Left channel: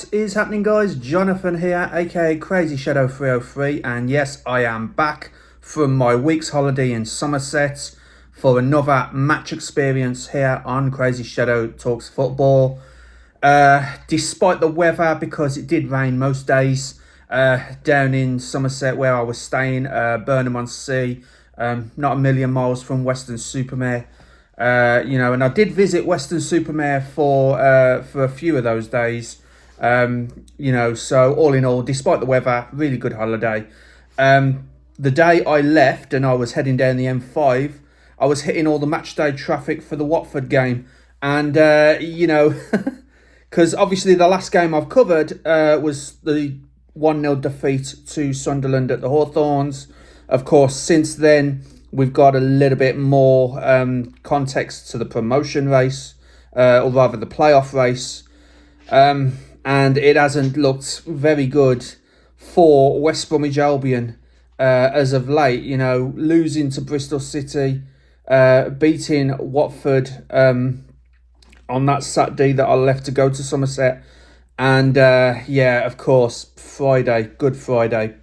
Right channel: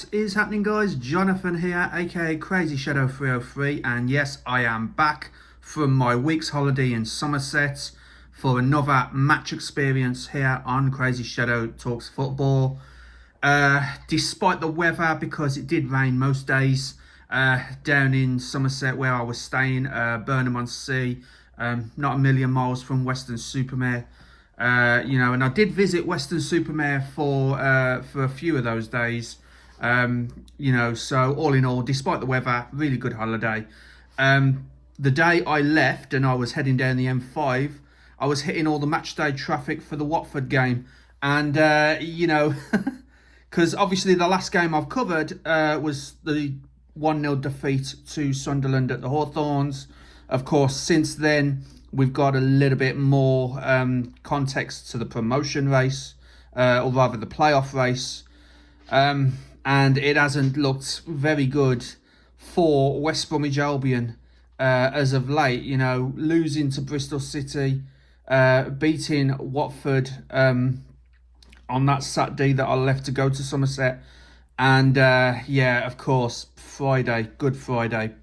What is happening, guys? Jonathan here, aka CrazyShadow 303, and yes, I am back from my week's holiday in Somerset for another match experience here on CrazyShadow Talks Football. Despite the weather, because it did rain most days down in Somerset where I was staying, Burnham-on-Sea, not a million miles from Weston-super-Mare. And I did visit Weston-super-Mare for a few of those days. So all in all, despite the weather, really good holiday. The day I left and I was heading down the M5, I was hitting all the matchday traffic for the Watford game. And, because obviously the last game I've covered was the 1-0 defeat to Sunderland at the Hawthorns. Of course, since then, we've got a little bit more context to the promotion race, or rather the playoff race. And it hasn't looked very good for West Bromwich Albion as of late. Losing to Bristol City, beating Watford on that Saturday that I left to go to Somerset. And of course, Friday, Good Friday.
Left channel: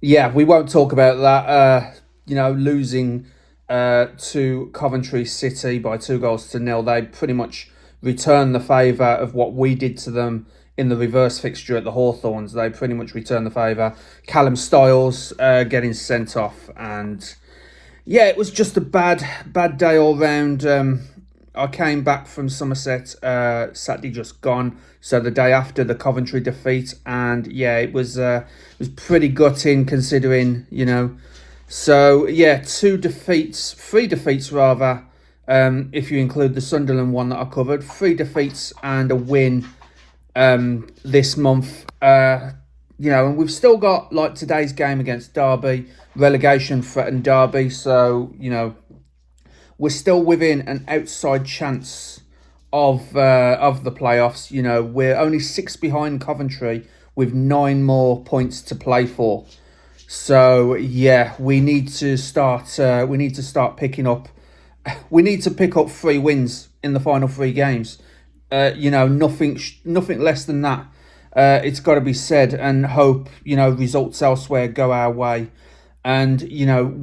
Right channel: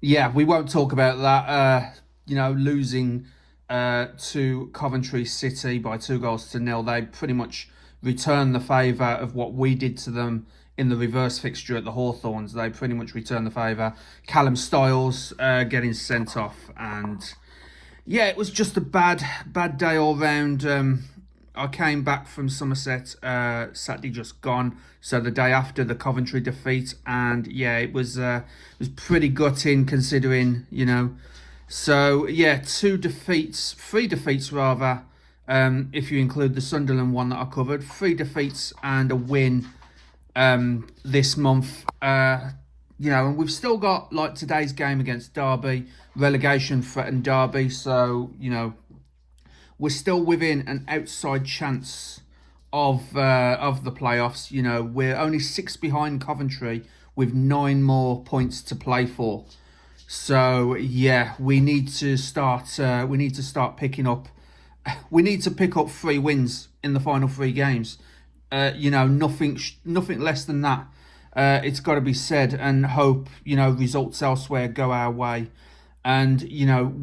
We won't talk about that. Losing to Coventry City by 2-0. They pretty much returned the favour of what we did to them in the reverse fixture at the Hawthorns. They pretty much returned the favour. Callum Styles getting sent off. And it was just a bad day all round. I came back from Somerset Saturday just gone, so the day after the Coventry defeat, and it was pretty gutting considering, So three defeats rather, if you include the Sunderland one that I covered. 3 defeats and a win this month. And we've still got like today's game against Derby, relegation threatened Derby, so we're still within an outside chance of the playoffs. We're only 6 behind Coventry with 9 more points to play for. So we need to start picking up. We need to pick up 3 wins in the final 3 games. Nothing less than that. It's got to be said, and hope results elsewhere go our way. And,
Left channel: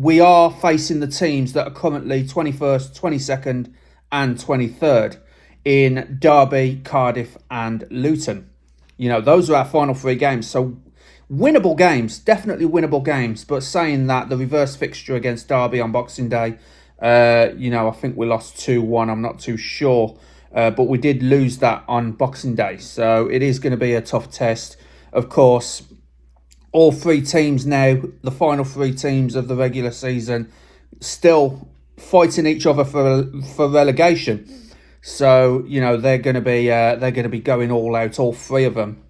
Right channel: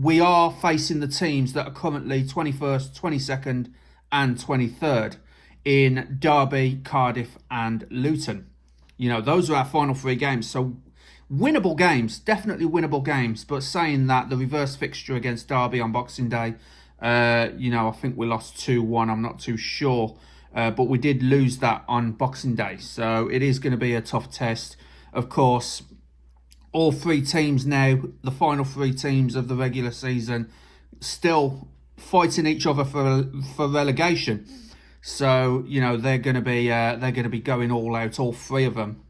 we are facing the teams that are currently 21st, 22nd and 23rd in Derby, Cardiff and Luton. Those are our final 3 games. So winnable games, definitely winnable games. But saying that, the reverse fixture against Derby on Boxing Day, I think we lost 2-1. I'm not too sure. But we did lose that on Boxing Day. So it is going to be a tough test. Of course, all 3 teams now, the final 3 teams of the regular season, still fighting each other for relegation. So they're going to be going all out, all 3 of them.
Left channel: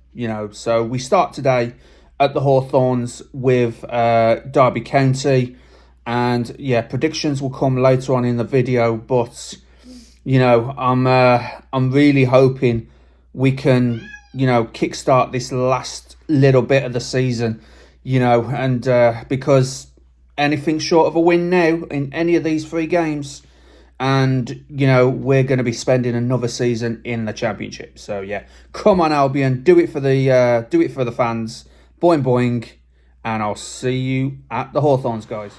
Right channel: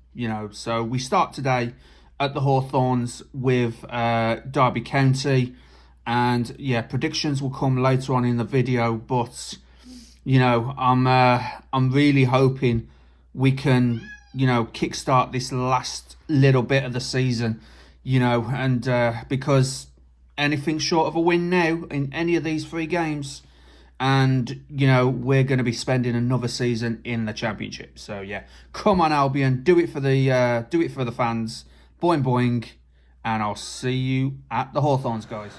So we start today at the Hawthorns with Derby County, and predictions will come later on in the video. But I'm really hoping we can kickstart this last little bit of the season, and because anything short of a win now in any of these 3 games, and we're going to be spending another season in the Championship. So come on Albion, do it for the fans, boing boing, and I'll see you at the Hawthorns, guys.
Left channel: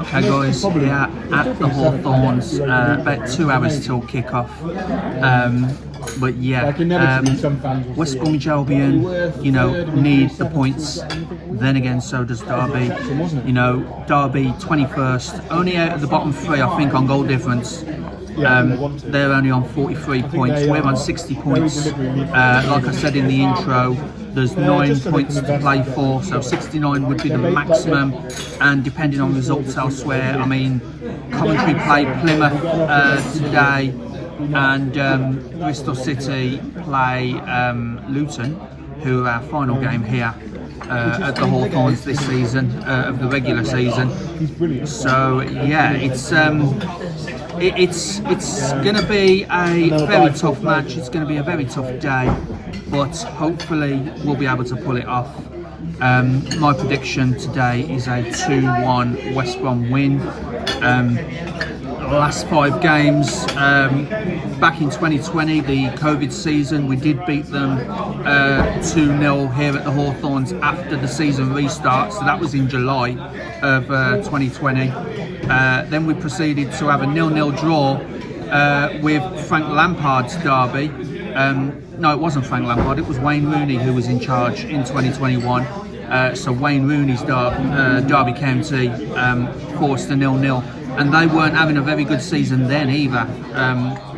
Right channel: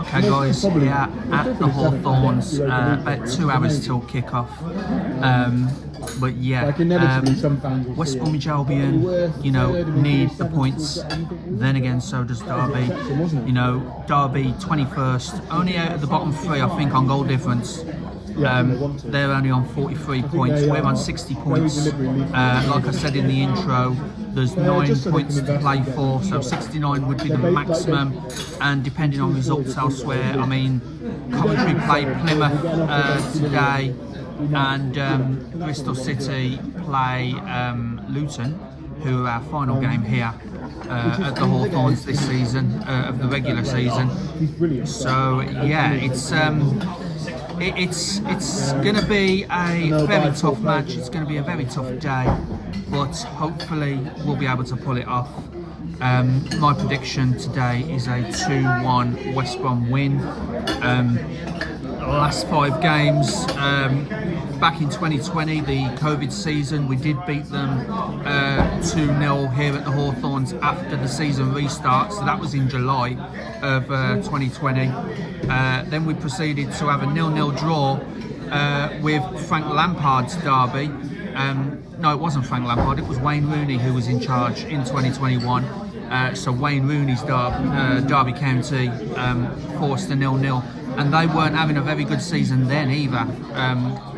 Okay guys, here at the Hawthorns, about 2 hours till kickoff. West Bromwich Albion, need the points. Then again, so does Derby. Derby 21st, only out of the bottom 3, I think, on goal difference. They're only on 43 points. We're on 60 points. Like I said in the intro, there's 9 points to play for, so 69 would be the maximum. And depending on results elsewhere, I mean, Coventry played Plymouth today, and Bristol City play Luton, who are our final game here at the Hawthorns this season, of the regular season. So yeah, it's going to be a very tough match. It's going to be a very tough day, but hopefully we'll be able to pull it off. My prediction today is a 2-1 West Brom win. Last 5 games, back in 2020, the COVID season, we did beat them 2-0 here at the Hawthorns after the season restart, so that was in July of 2020. Then we proceeded to have a 0-0 draw with Frank Lampard's derby. No, it wasn't Frank Lampard, it was Wayne Rooney who was in charge in 2021. So Wayne Rooney's Derby County forced a 0-0. And they weren't having a very good season then either,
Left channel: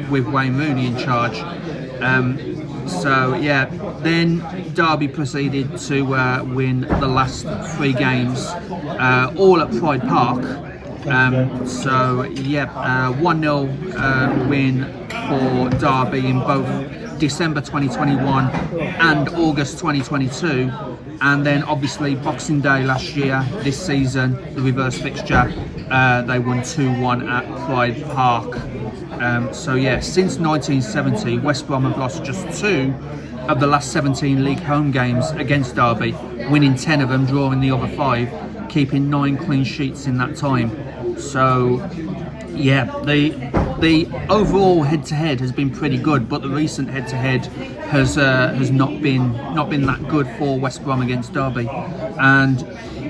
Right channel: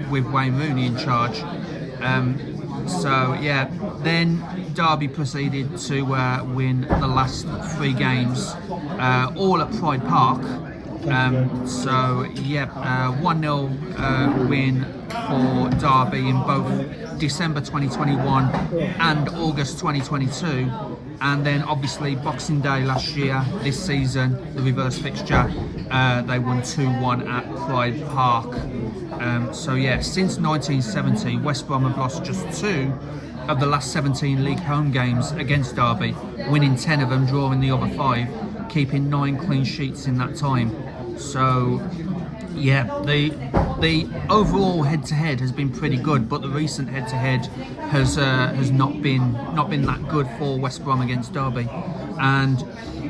with Wayne Rooney in charge. So yeah, then Derby proceeded to win the last 3 games, all at Pride Park. So yeah, 1-0 win for Derby in both December 2021 and August 2022. And then obviously Boxing Day last year, this season, the reverse fixture, they won 2-1 at Pride Park. So yeah, since 1970, West Brom have lost just 2 of the last 17 league home games against Derby, winning 10 of them, drawing the other 5, keeping 9 clean sheets in that time. So yeah, the overall head-to-head has been pretty good, but the recent head-to-head has not been that good for West Brom against Derby. And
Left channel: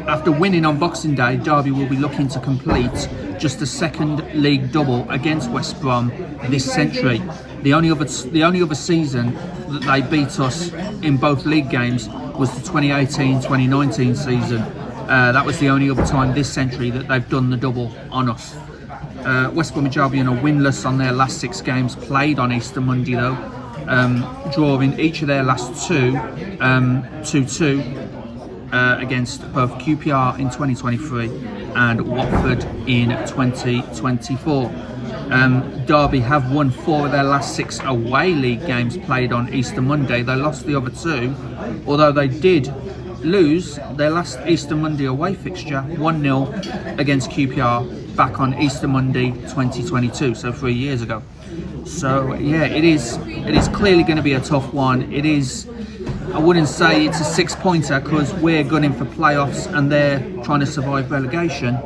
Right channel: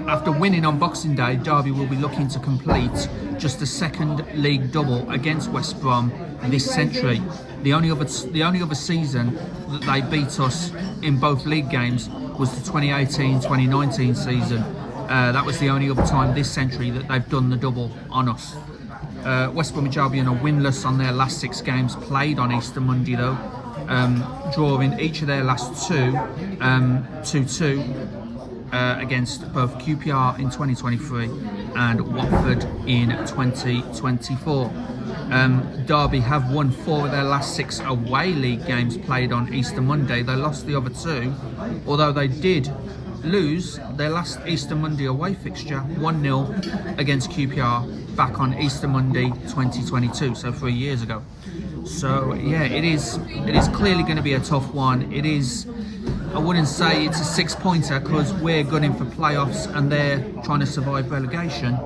after winning on Boxing Day, Derby will be looking to complete just a second league double against West Brom this century. The only other season that they beat us in both league games was the 2018-2019 season. That was the only other time this century that they've done the double on us. West Bromwich Albion are winless on their last 6 games played on Easter Monday though, drawing each of their last 2 2-2 against both QPR in 2023 and Watford in 2024. Derby have won 4 of their last 6 away league games played on Easter Monday. They lost the other 2, although they did lose their last Easter Monday away fixture 1-0 against QPR back on Easter Monday 2022, so 3 years ago. So yeah, it is clearly going to be a tough one. It is, I wouldn't say it's a 6-pointer because we're gunning for playoffs and they're trying to survive relegation,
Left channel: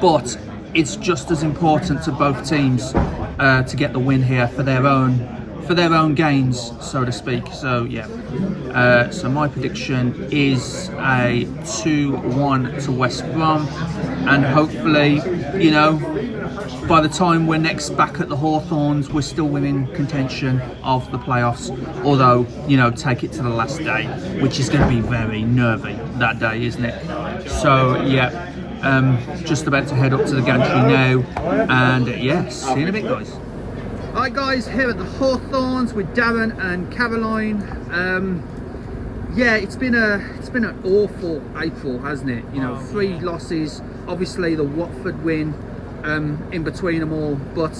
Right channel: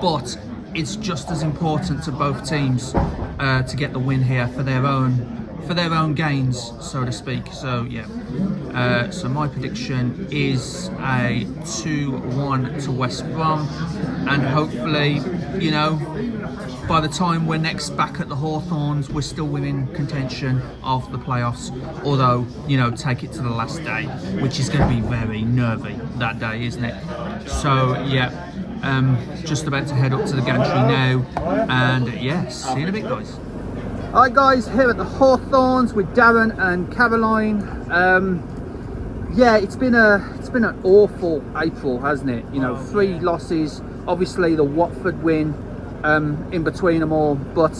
but it's just as important to both teams to get the win here for their own gains, so to speak. So yeah, so my prediction is a 2-1 to West Brom, and hopefully, you know, by the time we're next back at the Hawthorns, we're still within contention of the playoffs, although, you know, take it to the last day, which is going to be very nervy that day, isn't it? So yeah, just about to head up to the gantry now, and yeah, see you in a bit, guys. Alright guys, here at the Hawthorns with Darren and Caroline. Yeah, it's been an awful April, hasn't it? You know, 3 losses, obviously the Watford win in between them all, but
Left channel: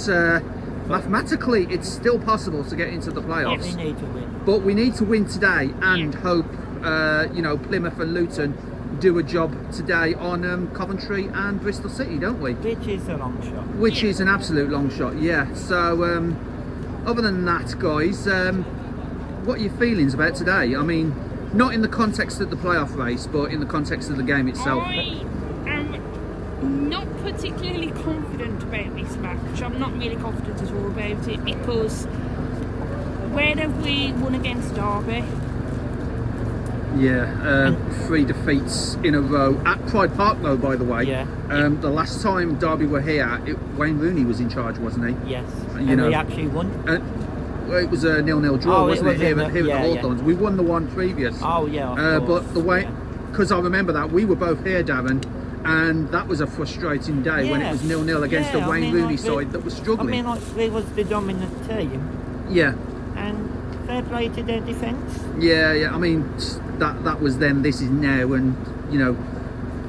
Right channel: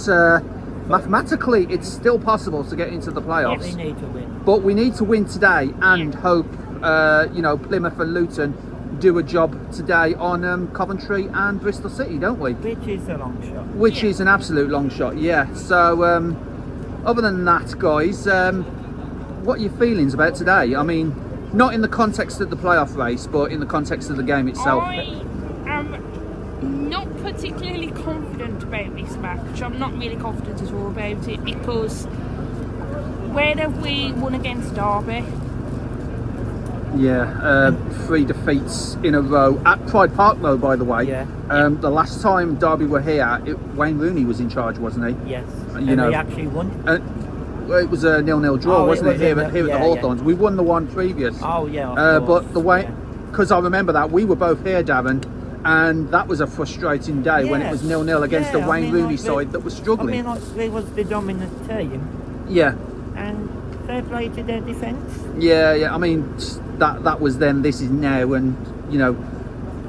mathematically it's still possible to get into the playoffs. Yeah, we need to win. But we need to win today and hope you know, Plymouth and Luton do a job today on Coventry and Bristol City, don't we? Which is a long shot. Which is an absolute long shot, yeah. So other than that, guys, what are your feelings about today? I mean, not in the context of the playoff race, but in the context of the game itself. I am not particularly confident about this match. I'm not really confident at all about it, because where have we won against Derby? Yeah, 3 defeats in a row at Pride Park, though. By the way, Yeah. The last time Derby were here, Wayne Rooney was in charge, wasn't he? Yes. You know, we actually won. Well, it was a 0-0 draw, wasn't it? Here at the Hawthorns, we won the one previous. Oh yeah. But the way, because I remember that we were both here, Darren, and that was a frustrating day when it was 0-0 against the Wayne Rooney side that was struggling. I mean, like, they was the dominant team. Yeah. And fair play to their defence. Yeah. I mean, that was then, this is now, and you know,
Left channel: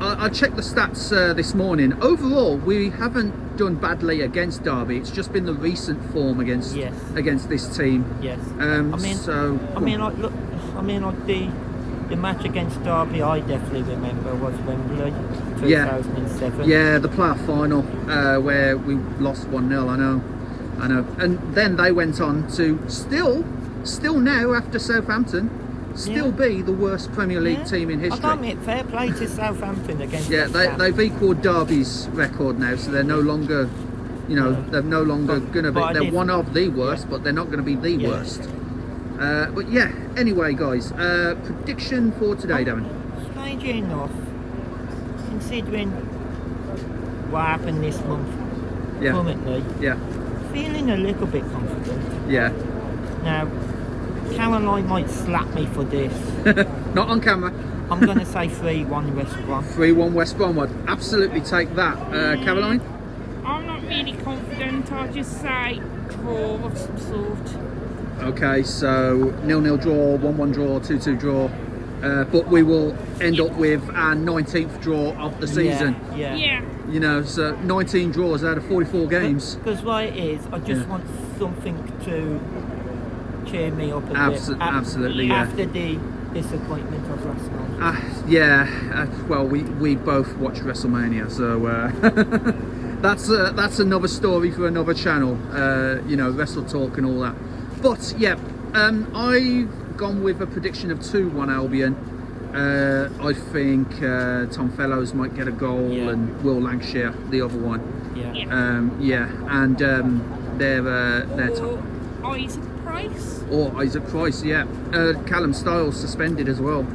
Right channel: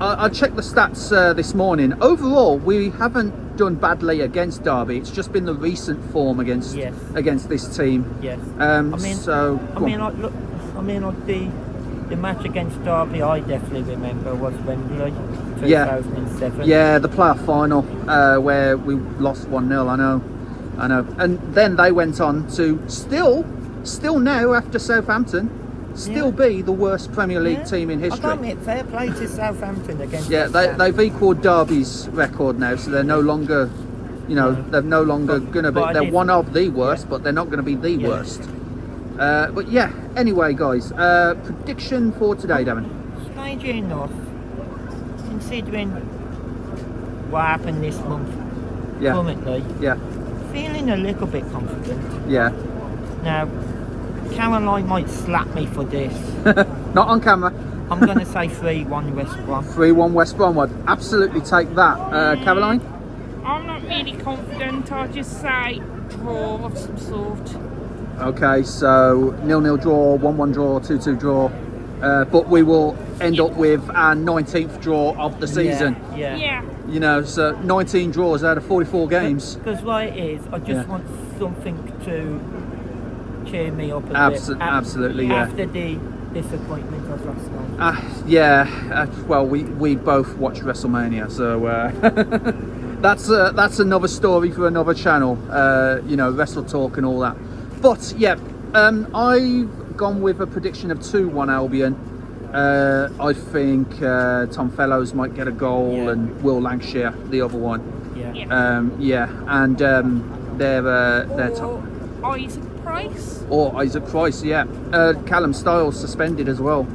I checked the stats this morning. Overall, we haven't done badly against Derby. It's just been the recent form against this team. Yes. I mean, the match against Derby, I definitely remember, was Wembley, 2007. Yeah, the playoff final where we lost 1-0. I know. And then they went on to still now after Southampton. Be the worst Premier League team in history. I can't admit, fair play to Southampton against. Yeah, they've equalled Derby's record now, so they're no longer, they're no longer going to be. They're one of the worst, but they're not going to be the worst. But yeah, anyway, guys, prediction for today, Devon. Strangely enough, considering what happened this month, currently, feeling a little bit confident. Yeah. Now, Caroline might slap me for this. Not on camera. I'm going to say 3-1 West Brom. 3-1 West Brom would absolutely take that. Caroline? I'm not really confident. I'll just say draw of some sort. Okay, so 0-0 draw, 1-1 draw, 2-2 draw. But we will end up with our 19th draw of the season. Yeah. You know, so 19 draws out of 44 games. Because what it is, I just want something to cheer me up a bit. Absolutely, After the disappointment of last night. Well, we both watched WrestleMania, so that's another story for another channel. Wrestle Talk and all that. But yeah, I've gone with a prediction of 2-1 Albion. I think Tom Fellows might get a goal and Will Lancashire the other one. And they're top. Isaac Price. Or Isaac Price, Callum Styles suspended as well.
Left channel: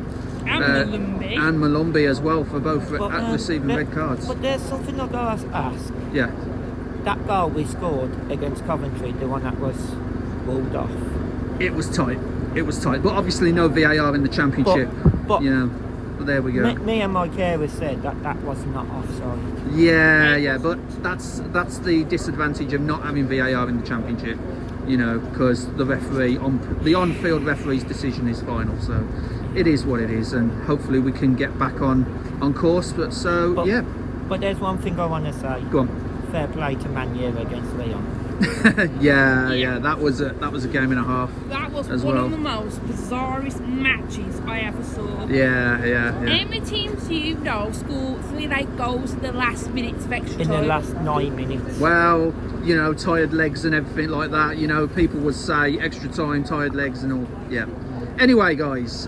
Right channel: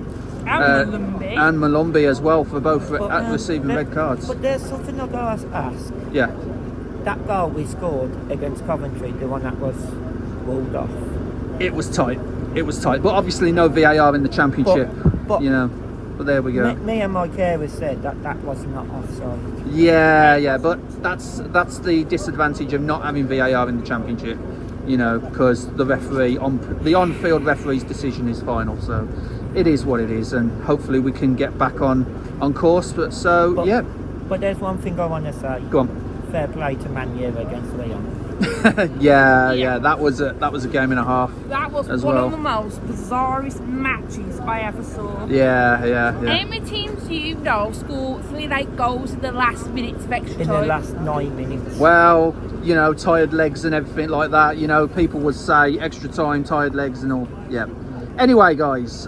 And Malumbi as well for both receiving red cards. But there's something I've got to ask. Yeah. That goal we scored against Coventry, the one that was rolled off. It was tight. But obviously no VAR in the Championship. But there we go. Me and my carer said that was not offside. Yeah. But that's the disadvantage of not having VAR in the Championship. Because the referee the on-field referee's decision is final, so it is what it is, and hopefully we can get back on course. But there's one thing I want to say. Go on. Fair play to Man U against Leon. That was a game and a half. That was one of the most bizarrest matches I ever saw. Yeah. How many teams score 3 late goals in the last minutes of extra time? In the last 9 minutes. Well, tired legs and everything like that. People would say extra time, tired legs and all. Yeah. Anyway, guys,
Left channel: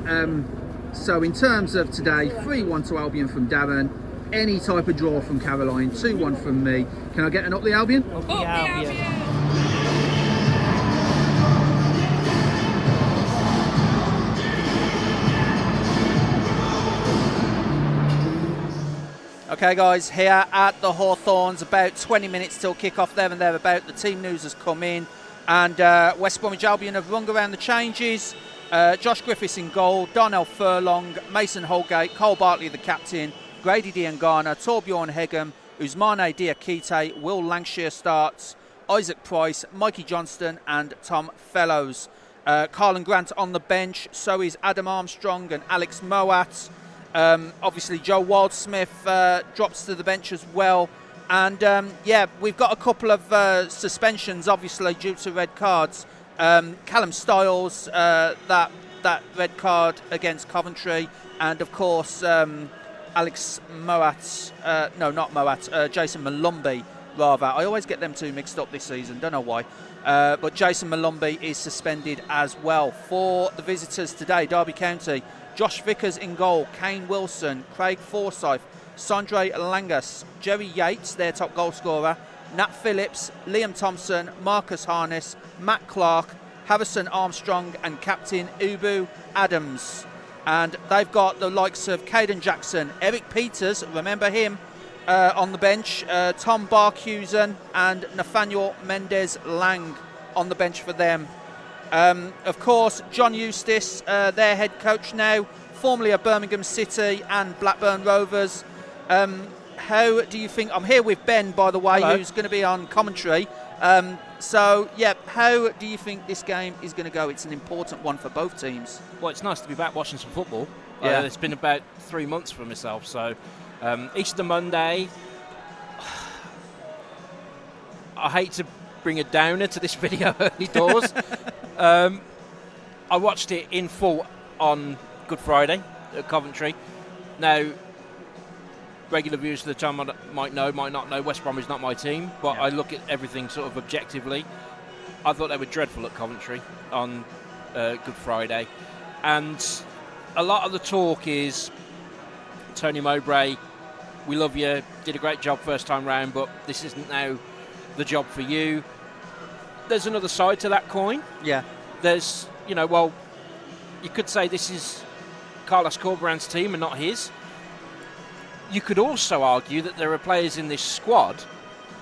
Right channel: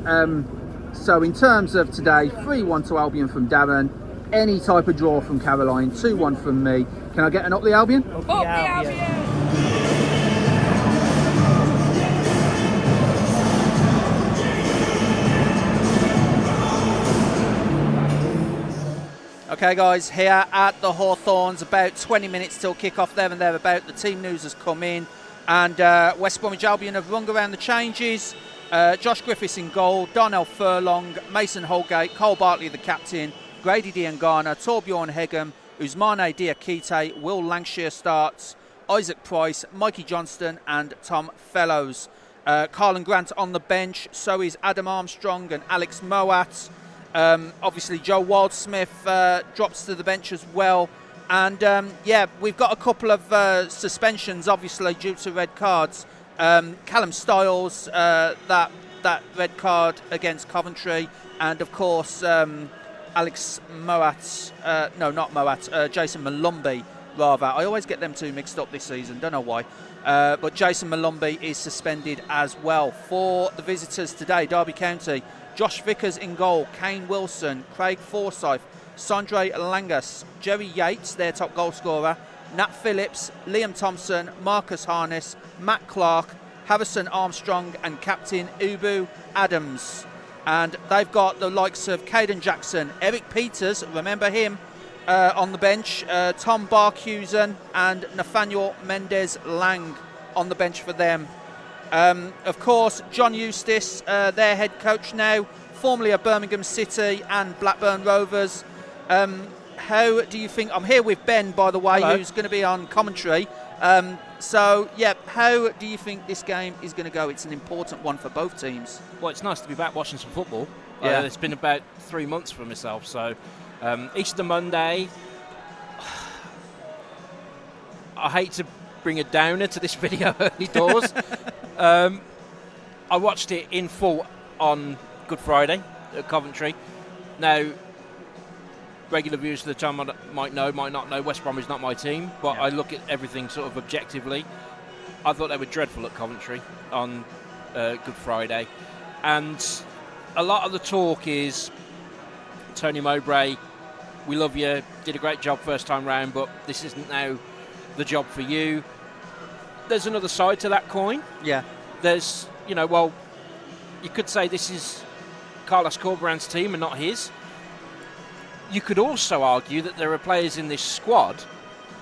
so in terms of today, 3-1 to Albion from Darren. Any type of draw from Caroline, 2-1 from me. Can I get an up the Albion? Up the Albion! Okay, guys, here at the Hawthorns, about 20 minutes till kick-off there and thereabout. The team news has come in, and West Bromwich Albion have rung around the changes. Josh Griffiths in goal, Darnell Furlong, Mason Holgate, Cole Bartley the captain, Grady Diangana, Torbjorn Hegem, Usmane Diakite, Will Lancashire starts, Isaac Price, Mikey Johnston and Tom Fellows. Carlin Grant on the bench, so is Adam Armstrong and Alex Moat. Obviously Joe Wildsmith drops to the bench as well. And we've got a couple of suspensions, obviously, due to red cards. Callum Styles, that red card against Coventry, and of course Alex Moat, Jason Malumbi, rather. I always get them two mixed up this season, don't know why. But Jason Malumbi is suspended as well. For the visitors today, Derby County, Josh Vickers in goal, Kane Wilson, Craig Forsyth, Sondre Langas, Jerry Yates, their top goal scorer, Nat Phillips, Liam Thompson, Marcus Harness, Matt Clark, Harrison Armstrong and Captain Ubu Adams. And they've got the likes of Caden Jackson, Eric Peters, remember him, on the bench, Tom Barkhusen and Nathaniel Mendez Lang on the bench for them. Of course, John Eustace, their head coach now, formerly of Birmingham City and Blackburn Rovers. how do you think? I'm here with Ben, by the way, Hello. who's going to be on commentary. So, yeah, how do you think this game is going to go? It's an important one for both teams. Well, it's nice to be back watching some football. Yeah. It's been about 3 months for myself, so Easter Monday. I hate to bring a downer to this video early doors. I watched it in full on Good Friday at Coventry. Now, regular viewers of the channel might know, might not know, West Brom is not my team, but I look at everything sort of objectively. I thought they were dreadful at Coventry on Good Friday. And a lot of the talk is, Tony Mowbray, we love you, did a great job first time round, but this isn't now the job for you. There's another side to that coin. Yeah. There's, well, you could say this is Carlos Corberán's team and not his. You could also argue that there are players in this squad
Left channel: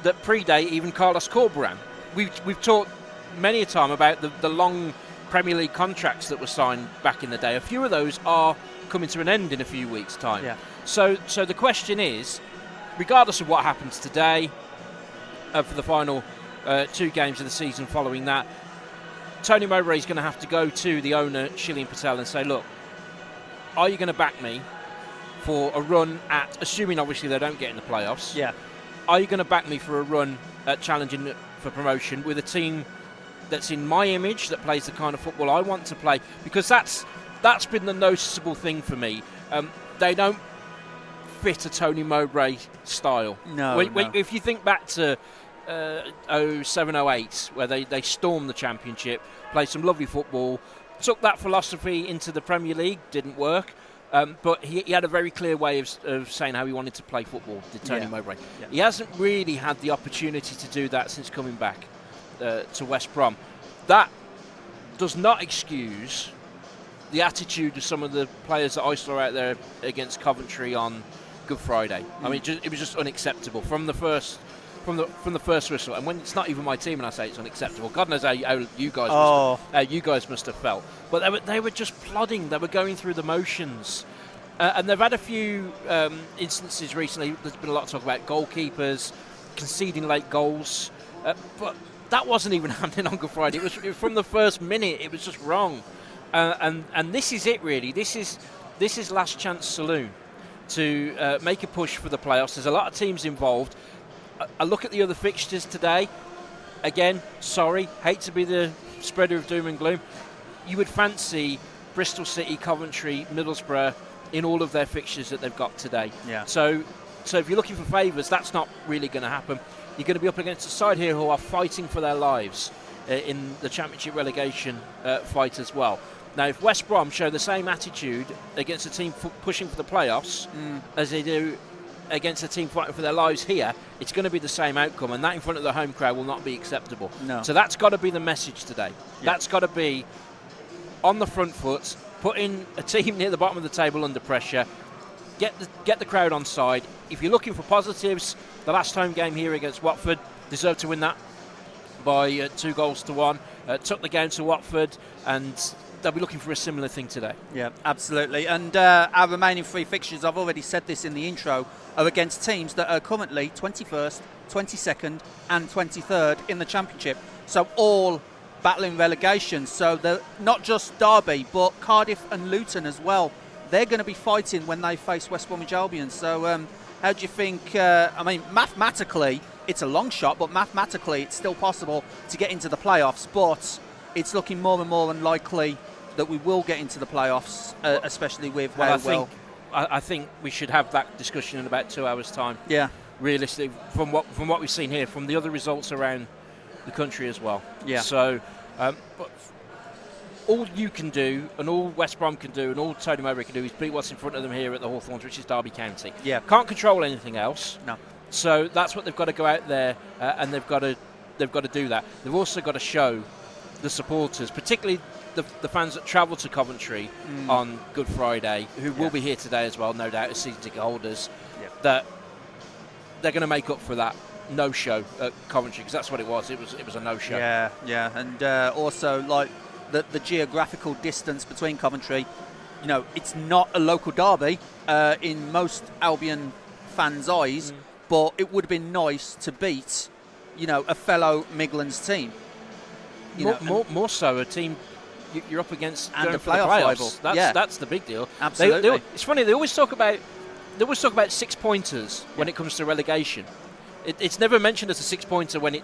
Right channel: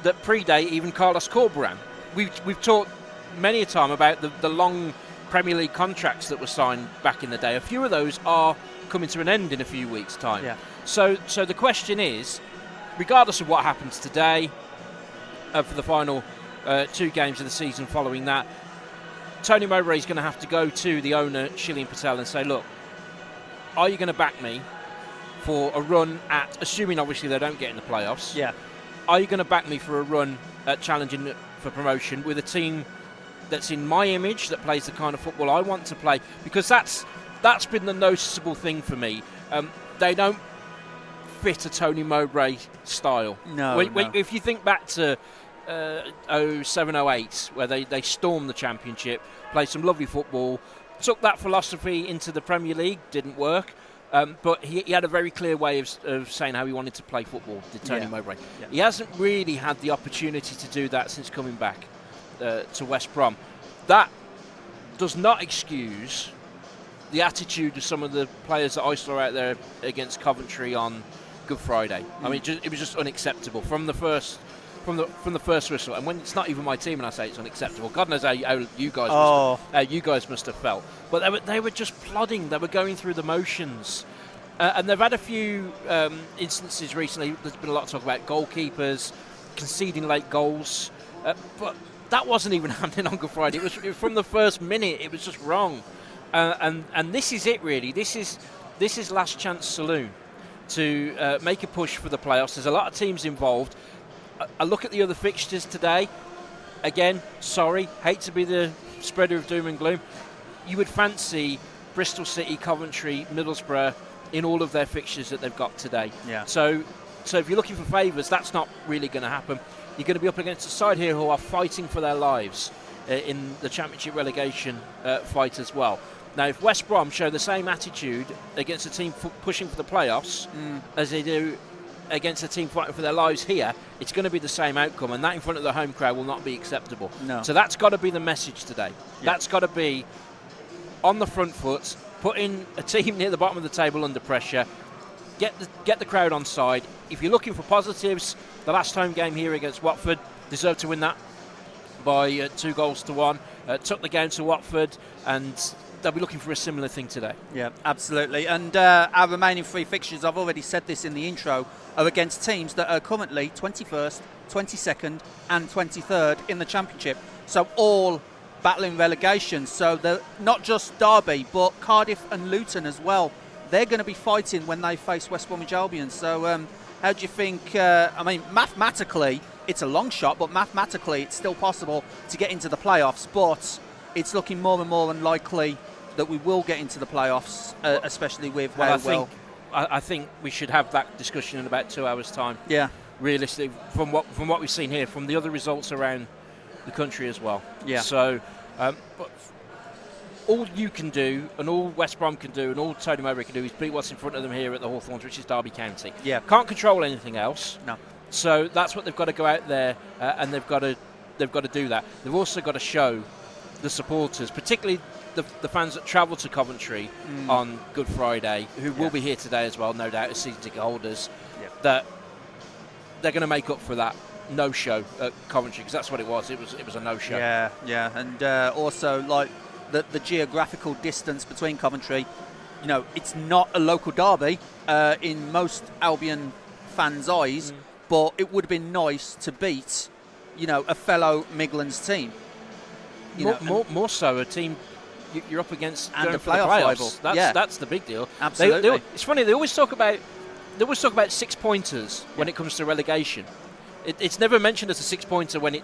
that predate even Carlos Corberán. We've talked many a time about the long Premier League contracts that were signed back in the day. A few of those are coming to an end in a few weeks' time. Yeah. So the question is, regardless of what happens today, for the final 2 games of the season following that, Tony Mowbray is going to have to go to the owner, Shillian Patel, and say, look, are you going to back me for a run at, assuming obviously they don't get in the playoffs, are you going to back me for a run at challenging for promotion with a team that's in my image, that plays the kind of football I want to play? Because that's been the noticeable thing for me. They don't fit a Tony Mowbray style. No. If you think back to 07-08, where they stormed the Championship, played some lovely football, took that philosophy into the Premier League, didn't work. But he had a very clear way of saying how he wanted to play football, did Tony Mowbray. Yeah. He hasn't really had the opportunity to do that since coming back to West Brom. That does not excuse the attitude of some of the players that I saw out there against Coventry on Good Friday. I mean, it was just unacceptable from the first whistle. And when it's not even my team, and I say it's unacceptable, God knows how you guys must have felt. But they were just plodding. They were going through the motions. And they've had a few instances recently. There's been a lot of talk about goalkeepers conceding late goals. But that wasn't even happening on Good Friday. It was from the first minute. It was just wrong. And this is it, really. This is last chance saloon to make a push for the playoffs. There's a lot of teams involved. I look at the other fixtures today. Again, sorry, hate to be the spreader of doom and gloom. You would fancy Bristol City, Coventry, Middlesbrough in all of their fixtures that they've got today. Yeah. So if you're looking for favours, that's not really going to happen. You're going to be up against a side here who are fighting for their lives in the Championship relegation fight as well. Now, if West Brom show the same attitude against a team pushing for the playoffs as they do against a team fighting for their lives here, it's going to be the same outcome, and that in front of the home crowd will not be acceptable. No. So that's got to be the message today. Yeah. That's got to be on the front foot, putting a team near the bottom of the table under pressure, get the crowd on side. If you're looking for positives, the last home game here against Watford, deserved to win that by 2-1. Took the game to Watford, and they'll be looking for a similar thing today. Yeah, absolutely. And our remaining 3 fixtures, I've already said this in the intro, are against teams that are currently 21st, 22nd and 23rd in the Championship. So all battling relegation. So they're not just Derby, but Cardiff and Luton as well. They're going to be fighting when they face West Bromwich Albion. So how do you think, mathematically, it's a long shot, but mathematically it's still possible to get into the playoffs. But it's looking more and more unlikely that we will get into the playoffs, especially with I think we should have that discussion in about 2 hours' time. Yeah. Realistically, from what we've seen here, from the other results around the country as well. Yeah. So, but all you can do, and all West Brom can do, and all Tony Mowbray can do, is beat what's in front of them here at the Hawthorns, which is Derby County. Yeah. Can't control anything else. No. So that's what they've got to go out there, and they've got to do that. They've also got to show the supporters, particularly the fans that travel to Coventry on Good Friday, who will be here today as well, no doubt, as season ticket holders, that they're going to make up for that no-show at Coventry, because that's what it was. It was a no-show. Yeah, and also like the geographical distance between Coventry. It's not a local derby in most Albion fans' eyes, but it would have been nice to beat, a fellow Midlands team. More so a team you're up against and going a for the playoff playoffs. rival. That's the big deal. Absolutely. It's funny, they always talk about 6-pointers when it comes to relegation. It's never mentioned as a 6-pointer when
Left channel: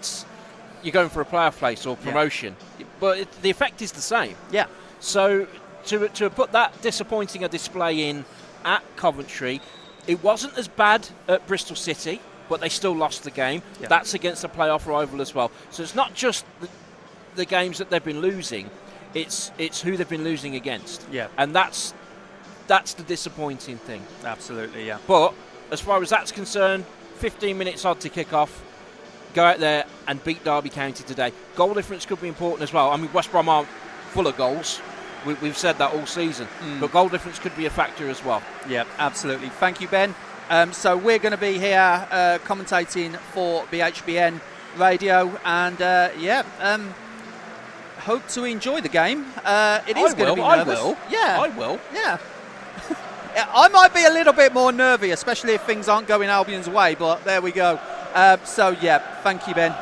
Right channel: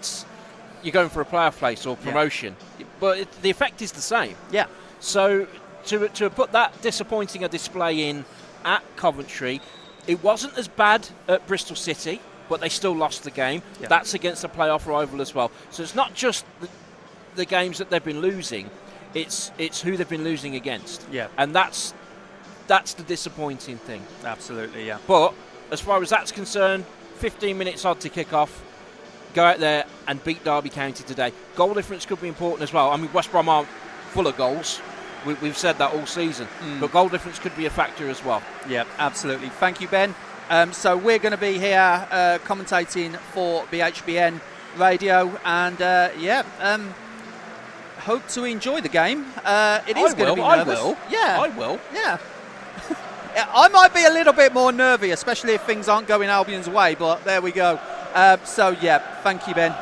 you're going for a playoff place or promotion, but the effect is the same. Yeah. So to put that disappointing a display in at Coventry, it wasn't as bad at Bristol City, but they still lost the game. Yeah. That's against a playoff rival as well. So it's not just the games that they've been losing, it's who they've been losing against. Yeah. And that's the disappointing thing. Absolutely, yeah. But as far as that's concerned, 15 minutes odd to kick off. Go out there and beat Derby County today. Goal difference could be important as well. I mean, West Brom aren't full of goals. We've said that all season. But goal difference could be a factor as well. Yeah, absolutely. Thank you, Ben. So we're going to be here commentating for BHBN Radio, and hope to enjoy the game. It is going to be nervous. I will. Yeah. I might be a little bit more nervy, especially if things aren't going Albion's way, but there we go. Thank you, Ben.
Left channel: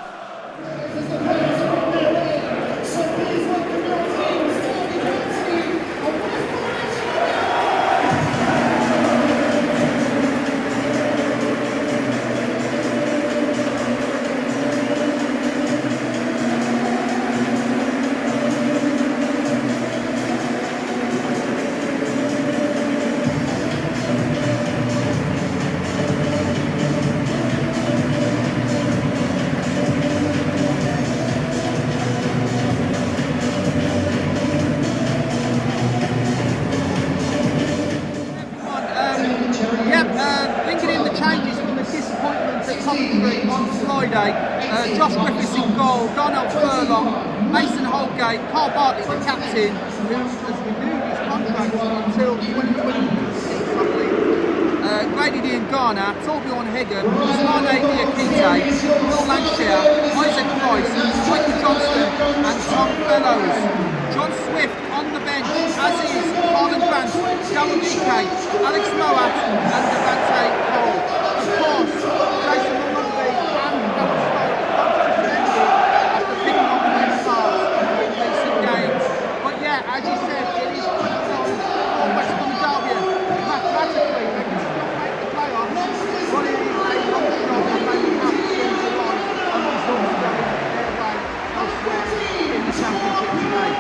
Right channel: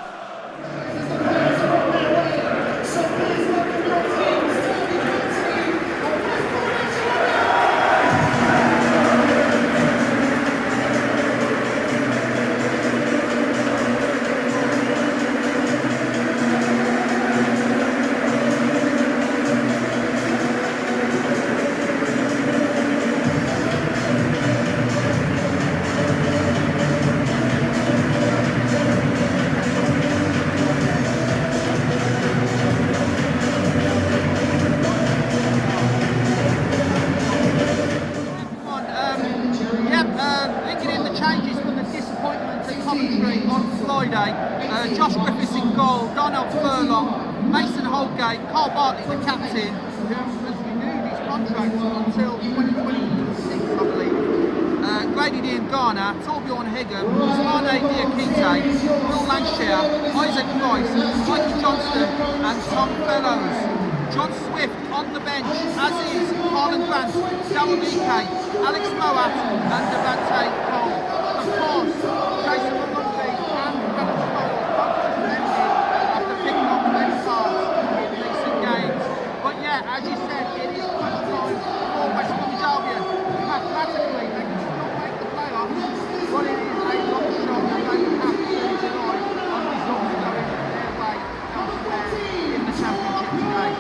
Bringing in the changes from the disappointment at Coventry on Friday. Josh Griffiths in goal, Donald Furlong, Mason Holgate, Carl Bartley, the captain, who has renewed his contract until 2026, I believe. Grady Ian Garner, Torbjorn Higgum, Usmane Diakite, Will Lancashire, Isaac Price, Michael Johnston and Tom Fellows. John Swift on the bench, as is Harlan Grant, Darryl DK, Alex Moat and Devante Cole. Of course, Jason Malumbi and Alan Stiles both suspended after picking up red cards in recent games. But yeah, as you said, it is crunch time for West Bromwich Albion. Mathematically, they can still make the playoffs, but it is a long shot and they will have to rely on results going their way elsewhere in the Championship today.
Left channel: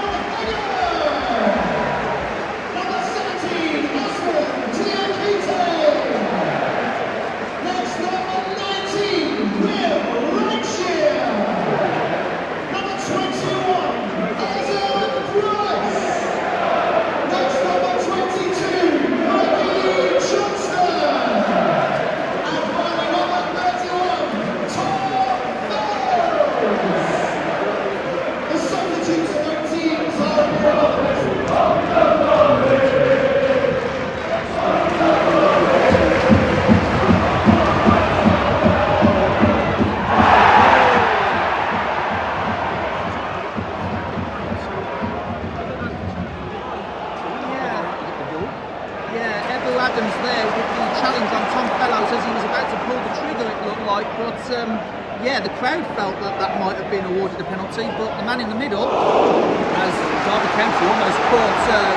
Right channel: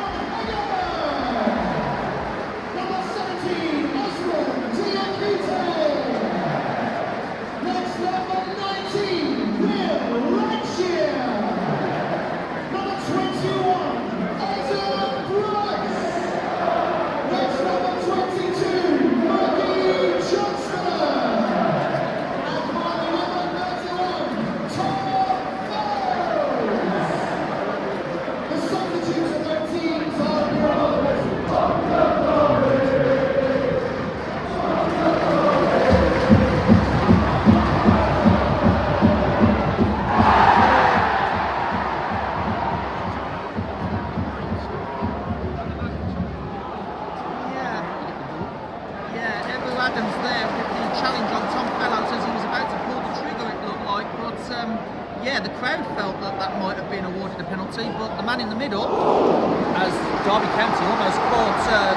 Adams there with the challenge on Tom Fellows as he was about to pull the trigger, it looked like, but the crowd felt that might have been awarded a penalty, but the man in the middle, as Derby County almost caught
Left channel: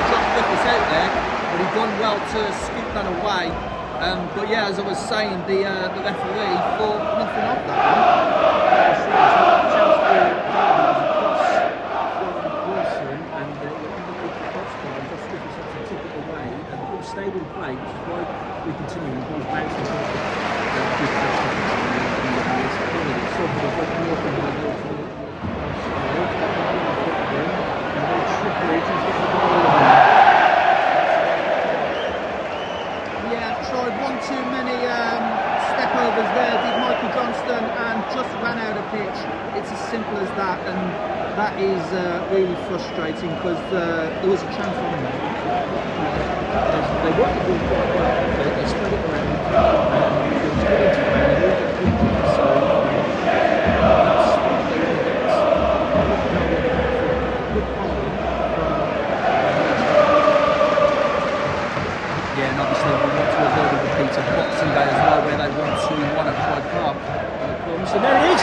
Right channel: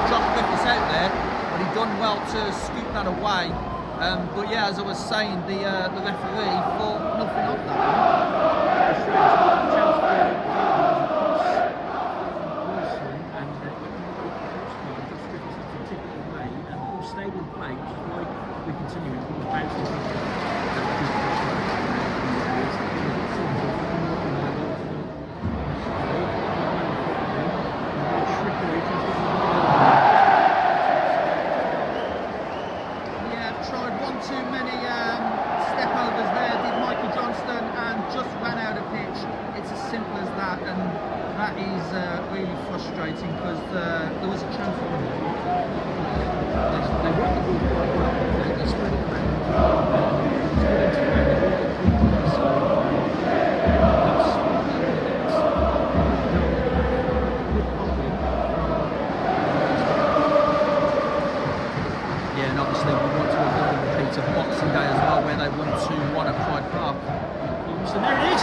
Josh Griffiths out there, but he done well to scoop that away. But yeah, as I was saying, the referee thought nothing of that stayed in play, which is why we continue with balls bouncing tried one too many step overs there, did Michael Johnston, and just ran out of pitch. It's as simple as that, and that is really frustrating because there was a chance on there. They worked the ball quite well. They spread it around. It was good into play. They worked it quickly. So that's what they were against. Yeah, and obviously we want to avoid a repeat of Boxing Day as well, where they won 2-1 at Pride Park. So there it is.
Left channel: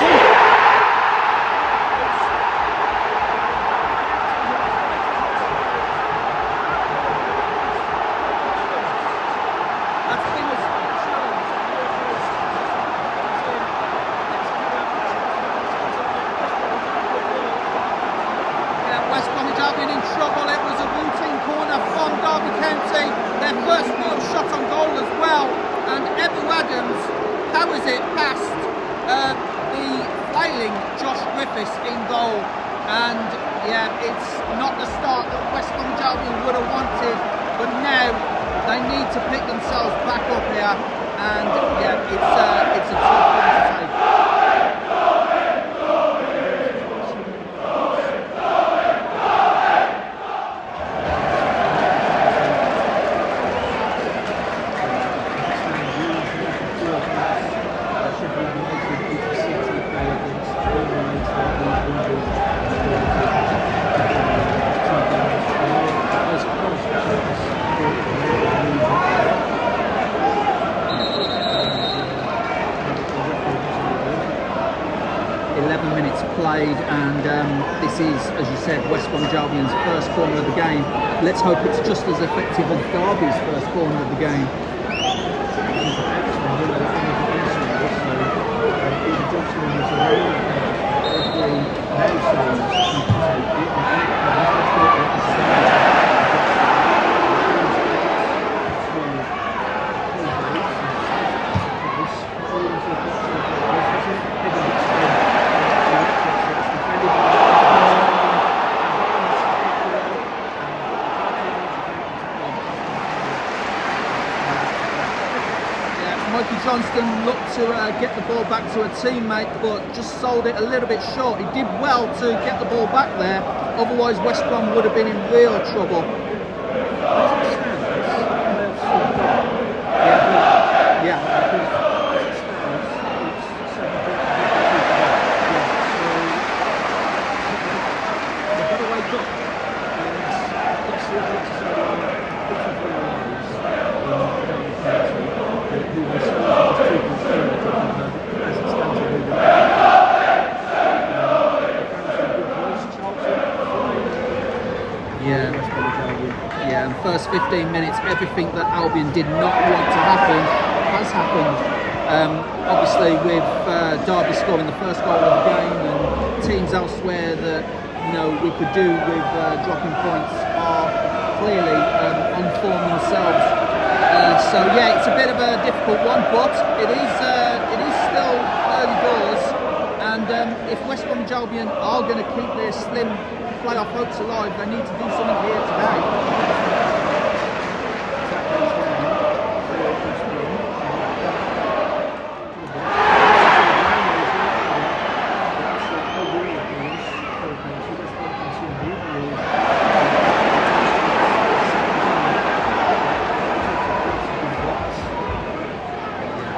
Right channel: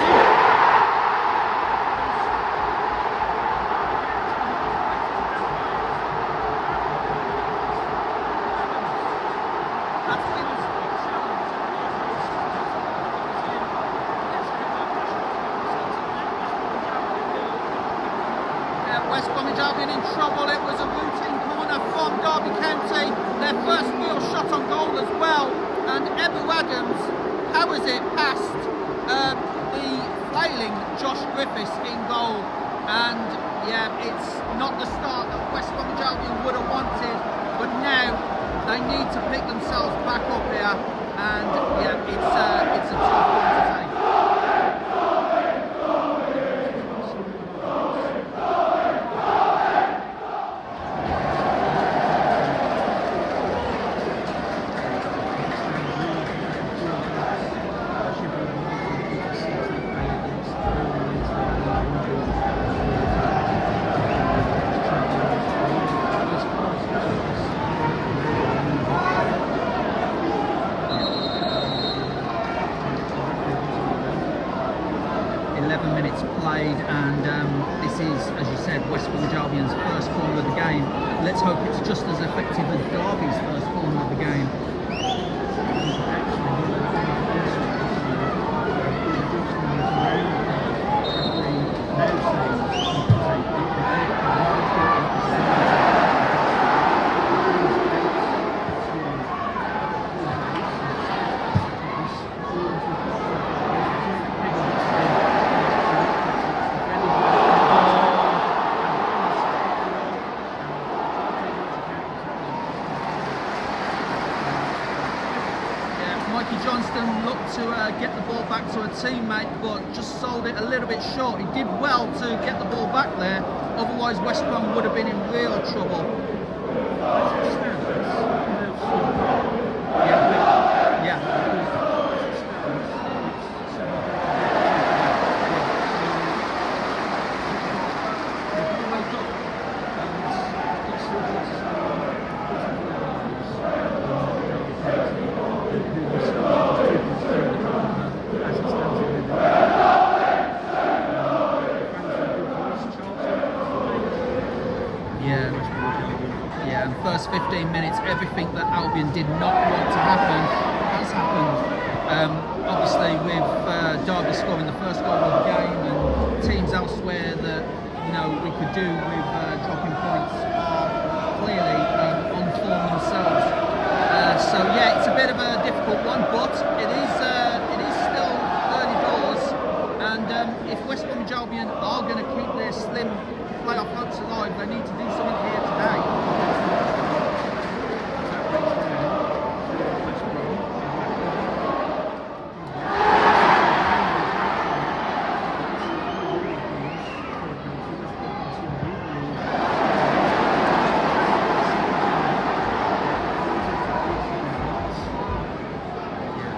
West Bromwich Albion in trouble. It was a routine corner from Derby County. Their first real shot on goal as well. And Evan Waggons powers it past the flailing Josh Griffiths in goal. And yeah, it's not the start that West Bromwich Albion would have wanted. But now they need to pick themselves back up here. And yeah, it's a tough one to take. 11 minutes played, and this is, as you said, West Bromwich Albion's first corner of the game. Let's hope it's just as effective as Derby's first corner of the game. Mikey Johnston looked to get the ball back to a teammate, but just sold it a little bit short. He did well to get the ball back there, otherwise West Brom would have been in real trouble. They've got to wake up and get who themselves is too concerned as it stands for moving Yeah, and first 15 minutes, everything that Albion did not want to happen has happened. Obviously, with Derby scoring the first goal of the game, and teams elsewhere that we could do with dropping points are clearly on form themselves. So yeah, it's a bit of a difficult one, but it is still early doors, and if West Bromwich Albion are going to keep their slim playoff hopes alive, they need to do something here today.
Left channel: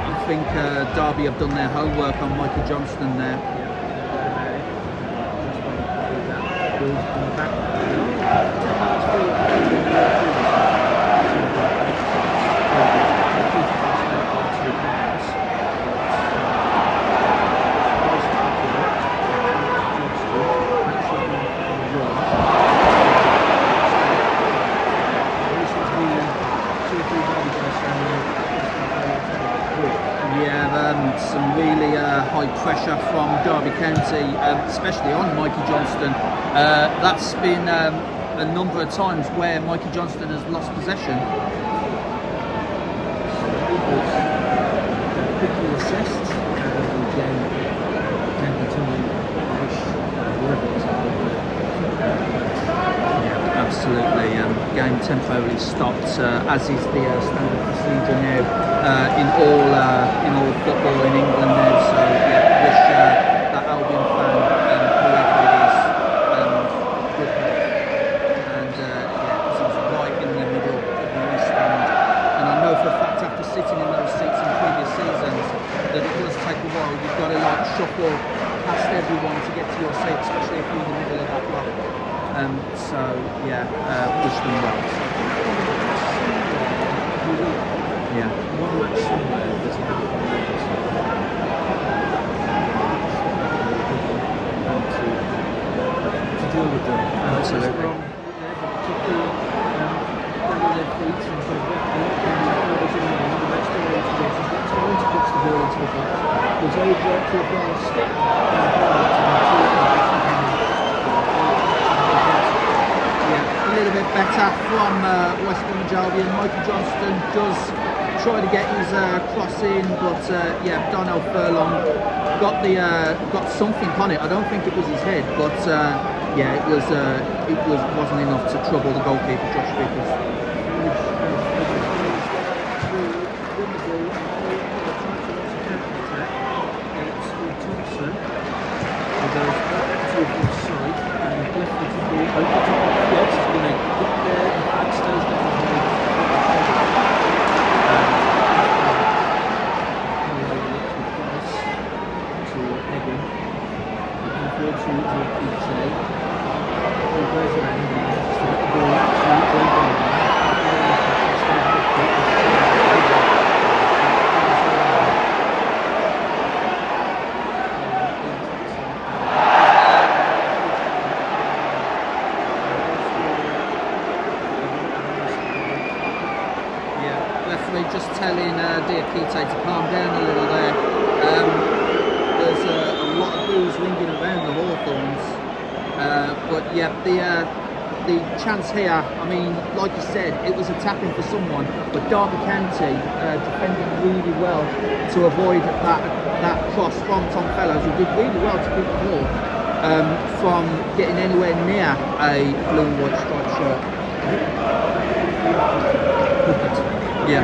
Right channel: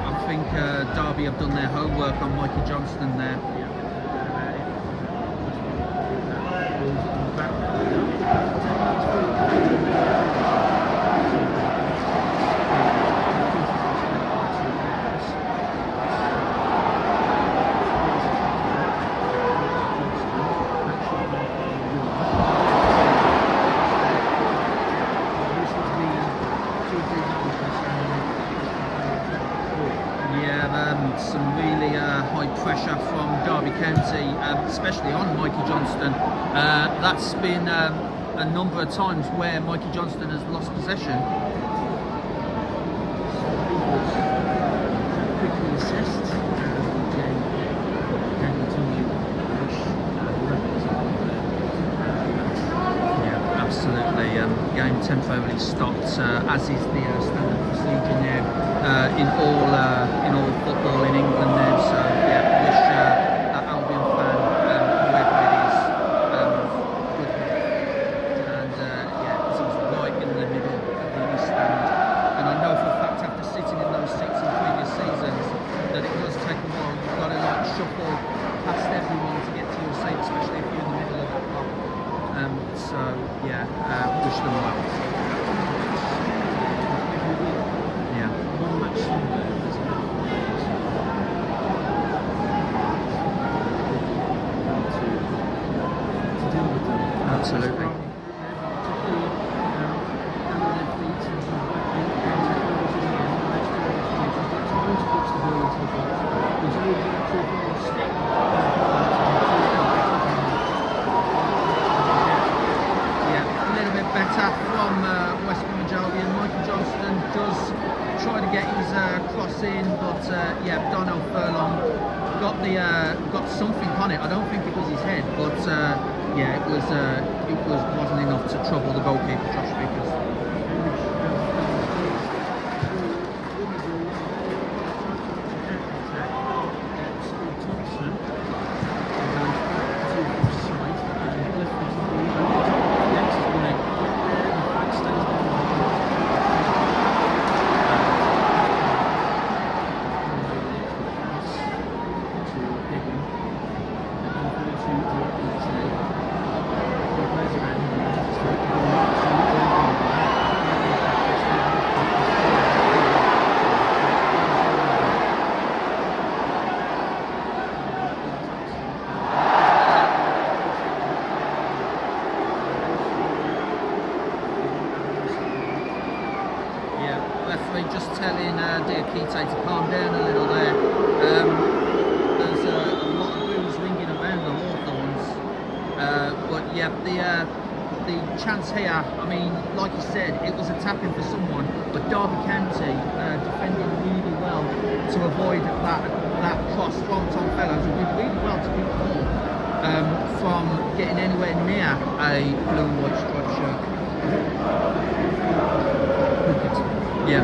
I think Derby have done their homework on Mikey Johnston there. Some really high pressure from Derby County, especially on Mikey Johnston. That's been a number of times where Mikey Johnston has lost possession. Absolutely. Game temporarily stopped, as is the standard procedure now in all football in England now. So yeah, wish that Albion fan, whoever it is, good health. And yeah, it is right in the middle of the East Stand. And I know for a fact, after sitting in those seats in previous seasons, that it does take a while. You've got to shuffle past everyone to get to your seat, especially if you're in the middle of that block. So yeah, wish them well. Yeah. one match somewhere, there's a match to deal with them. Absolutely. From, particularly gather their feet and sort of get levels in the Matchday introduces, get time to push the ball into the box. Was over to the far step Yeah, a little bit better from West Bromwich Albion. Michael Johnston does try to get his cross in, but yeah, Donnell Furlong got something on it. I don't think it was his head, but yeah, it wasn't enough to trouble the goalkeeper, Josh Vickers. Referee just telling Diakite to calm down a little there. There's a lot of boos ringing around the Hawthorns, but yeah, the chance here, I mean, like you said, it was a tap-in for someone, but Derby County defending really well to avoid that cross from Tom Fellows, who did really well to keep the ball from getting anywhere near a blue and white striped shirt. Yeah.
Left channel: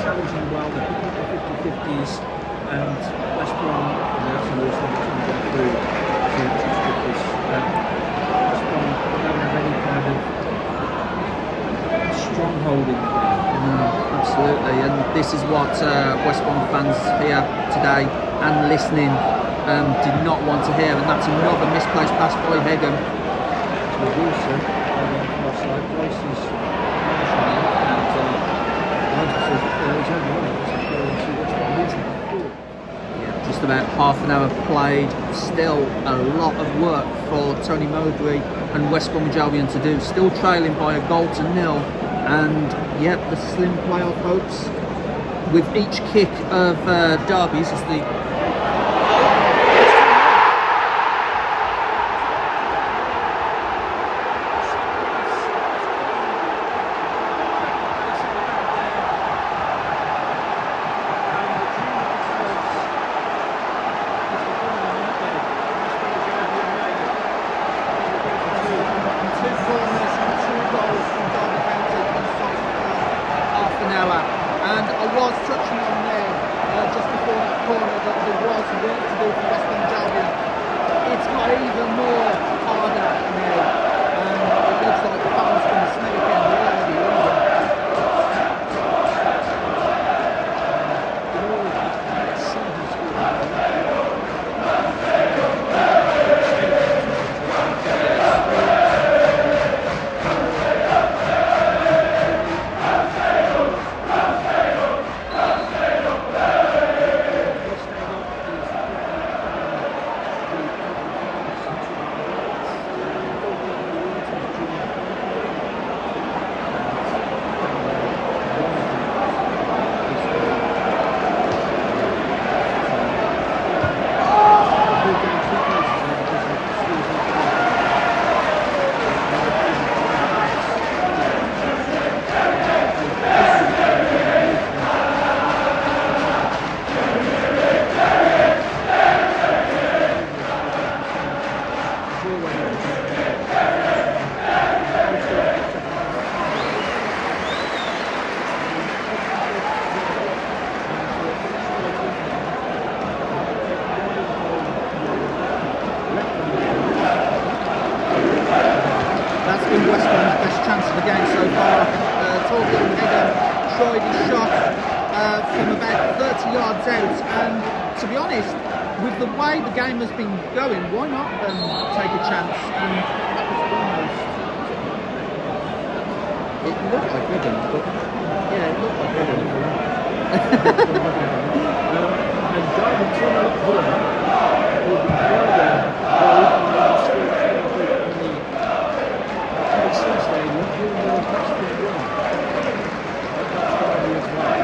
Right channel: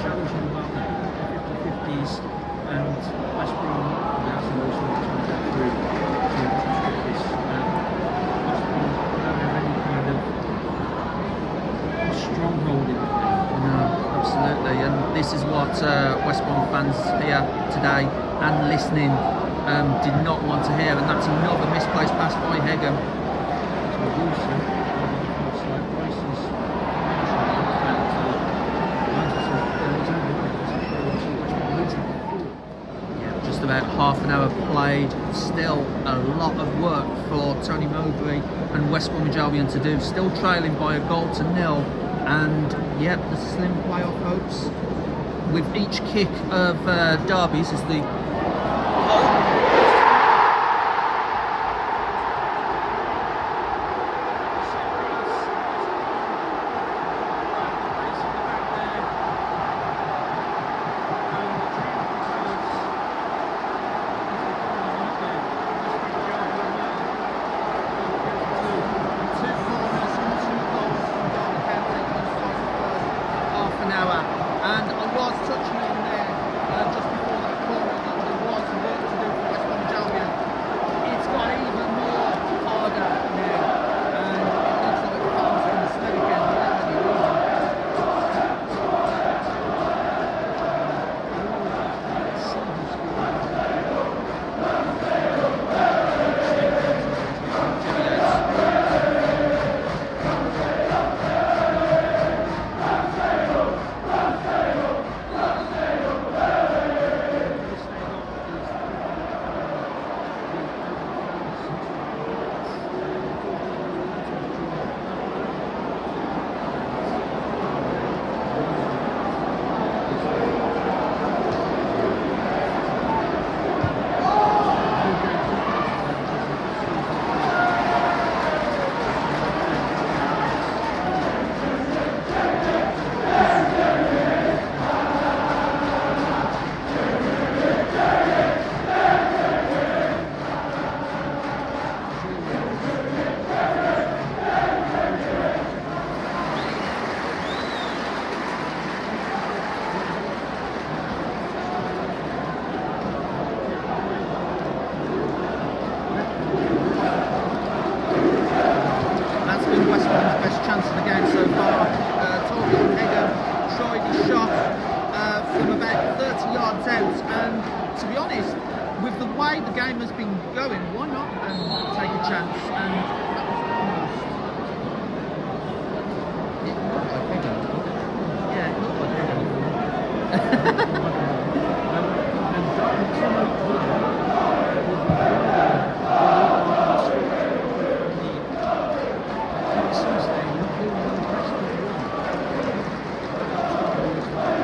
Challenging well, they're picking up the 50-50s, and West Brom, that's the most thing to go through to touch this. West Brom don't have any kind of stronghold in the game. No, absolutely, and this is what West Brom fans here today and listening did not want to hear, and that's another misplaced pass by Hegham. Wilson Yeah, just about half an hour played. Still a lot of work for Tony Mowbray and West Bromwich Albion to do. Still trailing by a goal to nil, and yeah, the slim playoff hopes with each kick of Derby's as the and I was touching on there just before that corner that there was work to do for West Bromwich Albion. It's got even more harder now, and it looks like fans from the Smethwick end are already leaving. That's been West Brom's best chance of the game so far. Torbjorn Hegham tried his shot from about 30 yards out, and to be honest, with the way the game has been going, why not take a chance? And that was almost. It looked like Egan, but yeah, it looked like Egan. And Derby 2-0 up Hawthorns will be further bowled by the score from the EFL Stadium in the Western one. That helps Derby as well.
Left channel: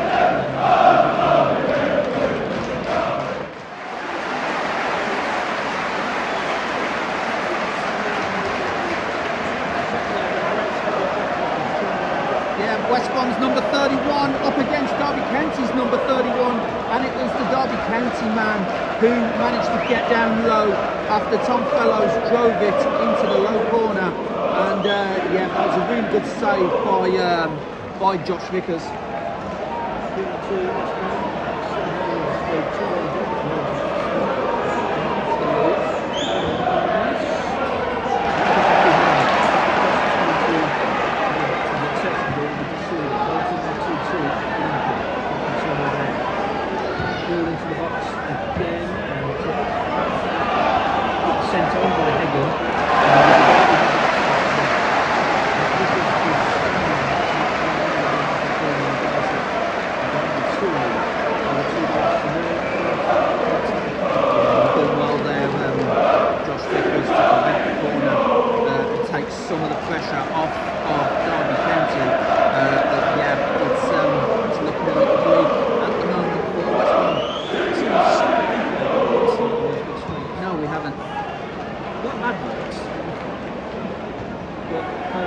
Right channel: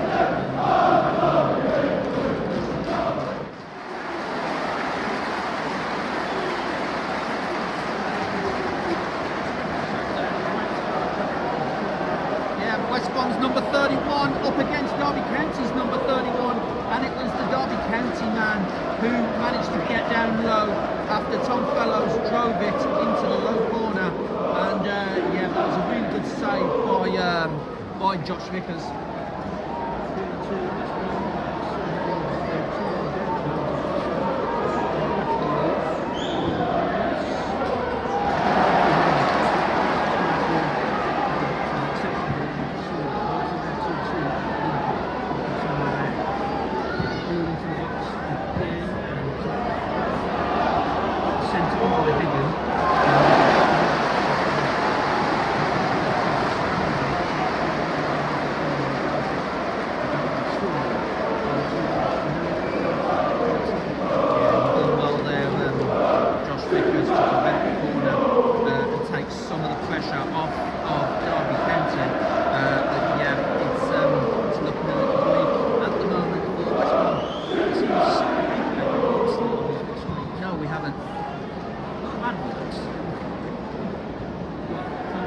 Yeah, West Brom's number 31 up against Derby County's number 31, and it was the Derby County man who managed to get down low after Tom Fellows drove it into the low corner, and yeah, that was a really good save by Josh Vickers. Well there, Josh Vickers, to prevent the corner and take some of the pressure off of Derby County. But yeah, it's looking a little bleak at the moment for West Brom. No, we haven't. Not adverts, but how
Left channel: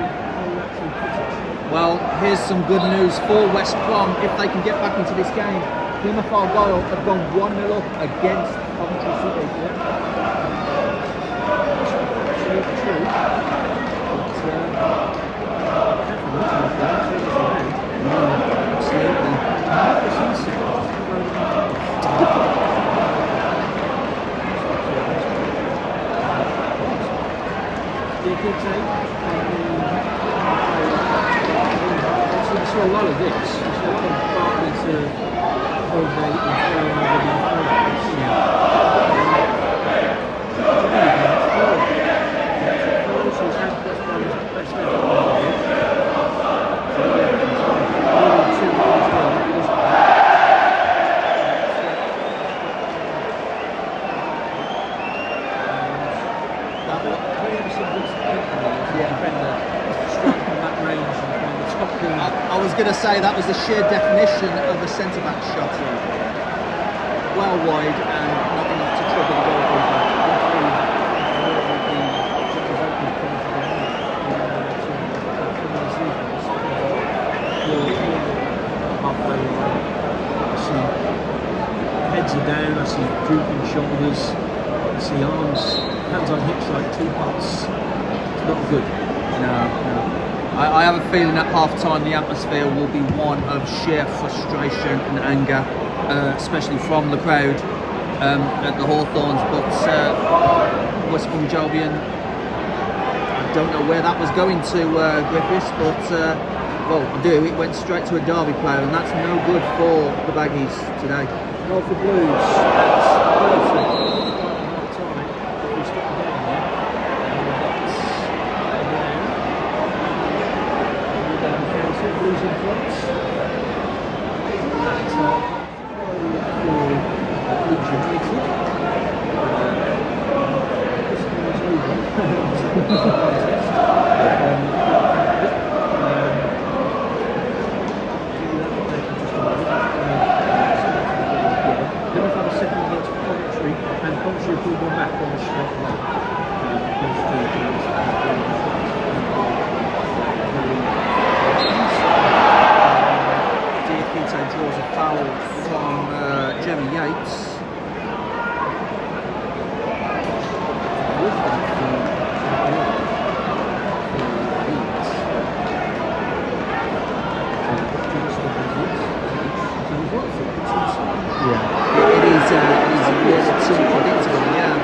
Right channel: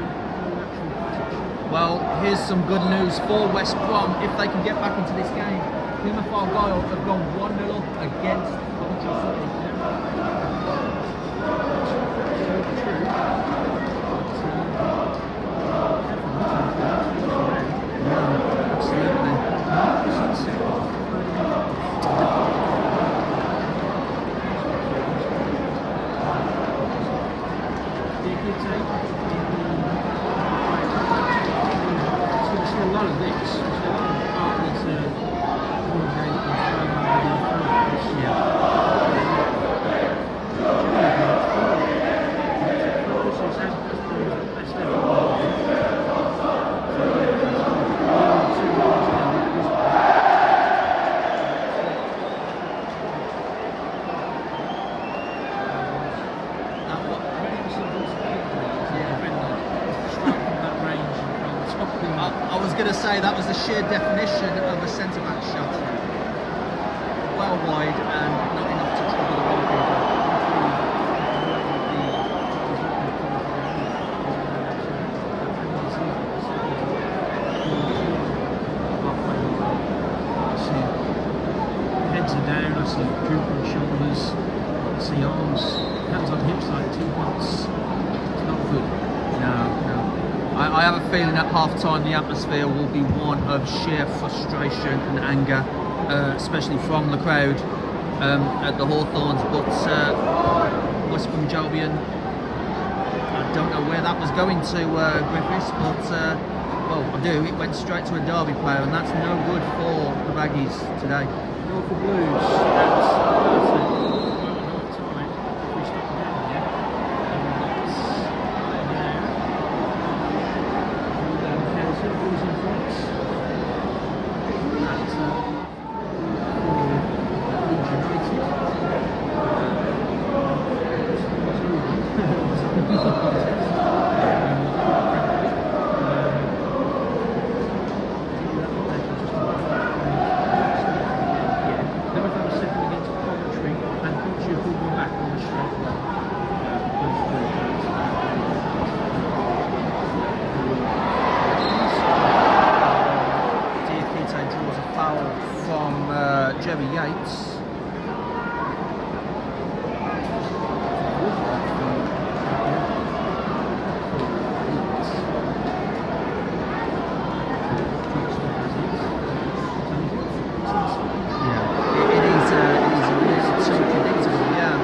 actually put it. Well, here's some good news for West Brom if they can get back into this game. Plymouth Argyle have gone 1-0 up against Coventry City. Yeah. Absolutely true. Absolutely. You see a lot of this. You see a lot of Bartley to Holgate and throw over the Fellows. Yeah. Fellows who's had West Brom's best ever football. So yeah, nearly 2 miles down at this point. That one. Yeah. Defender strike from that range and find the top corner. I was going to say that was the sheer definition of a centre-back shot. Well wide and not enough to trouble the goalkeeper. Halfway line. I see heads are down, I see drooping shoulders, I see arms, hands on hips like two pots. It's not good. No. I have a feeling at half-time the atmosphere will be one of sheer frustration and anger, especially from the crowd at the Hawthorns. But West Brom Albion, I don't know where that was going to, Griffiths, but well, I do. It went straight to a Derby player, and that's no good for the Baggies today. Well, for Blues, that's Thursday. Quite a hard time. We stop again here. Blues in front. Leeds United. Then we've had a second against Coventry, and Coventry have pulled one back on the straight line. Diakite draws a foul from Jerry Yates. Yeah, it is a little too predictable, yeah.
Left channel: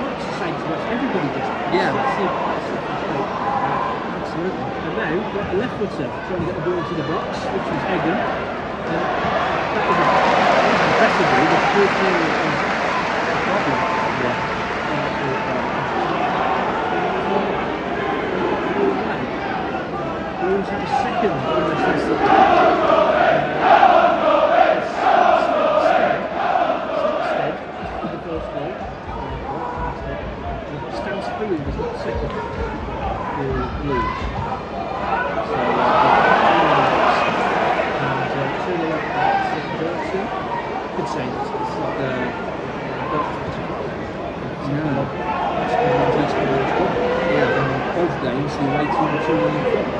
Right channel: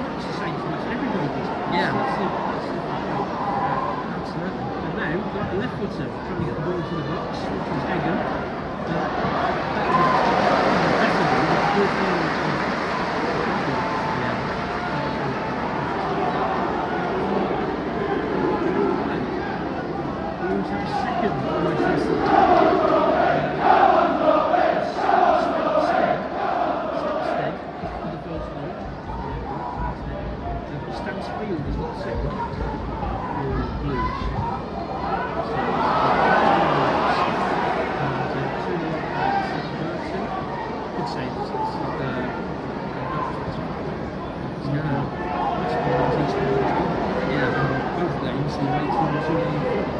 Much the same to us, everybody does. Yeah. Absolutely. And now we've got a left footer trying to get the ball into the box, which is Egan. That was impressively, the fourth year is a problem. Yeah. We always have a second on the system. Stead for the first goal. Stands through the second for Blues. So, and two like that, could say it's like No. Yeah. in both games, he rated 2 in front.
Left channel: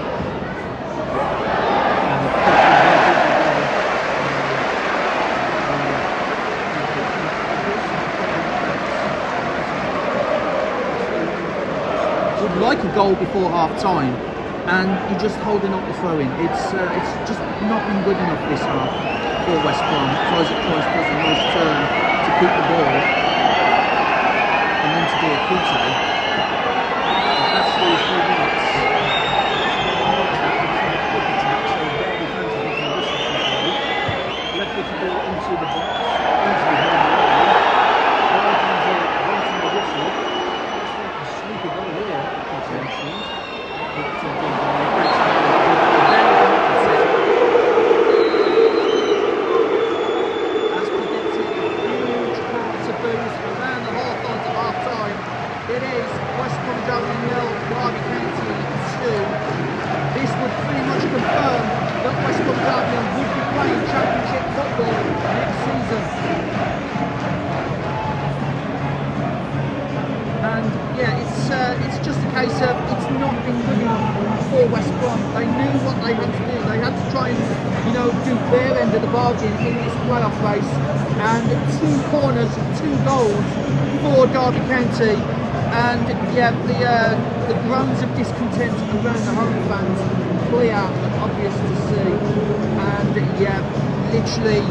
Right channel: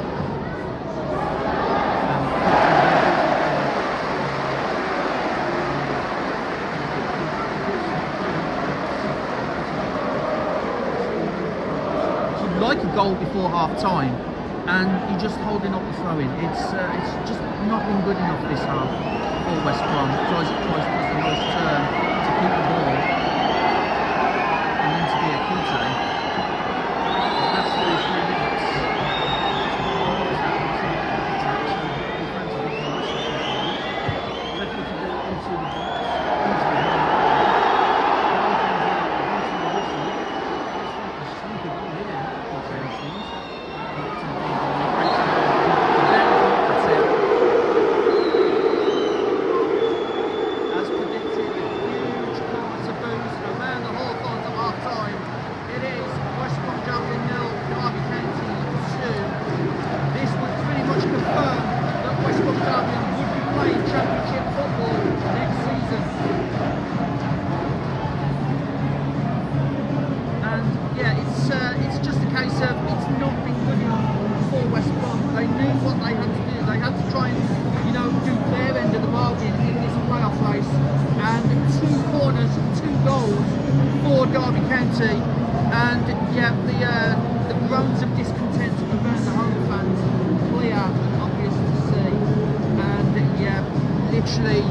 Would like a goal before half time, and you're just holding up the throw in. It's just not been good enough this half for West Brom. Does a nice turn to keep the ball, and then to do a Kite. That's 3 minutes. Left with the ball into the box, easily held away. One from the whistle. Sneaky goal here. As predicted, huge corner to boost around the Hawthorns at half time. It is West Bromwich Albion 0, Derby County 2. This would pretty much confirm that West Bromwich Albion would be playing Championship football next season. And yeah, it's just a case of it's not been good enough for West Brom. They knew what they had to do. They had to try and, do their end of the bargain in this playoff race. And 2 corners, 2 goals for Derby County. And yeah, the groans of discontent around the home fans clear and obvious to see. And yeah, literally,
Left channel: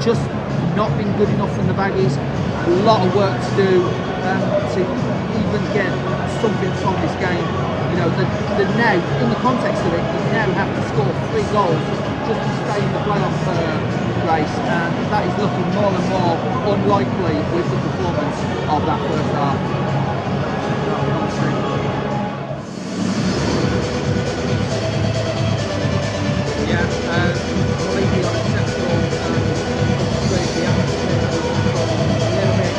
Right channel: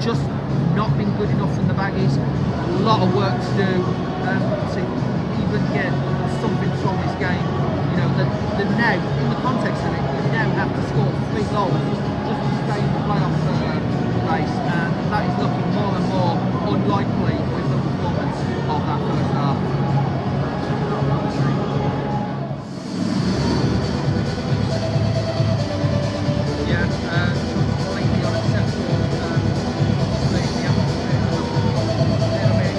just not been good enough from the Baggies. A lot of work to do to even get something from this game. The now, in the context of it, you now have to score 3 goals just to stay in the playoff race, and that is looking more and more unlikely with the performance of that first half. Yeah, completely unacceptable. Obviously, the atmosphere at the Hawthorns is a little bit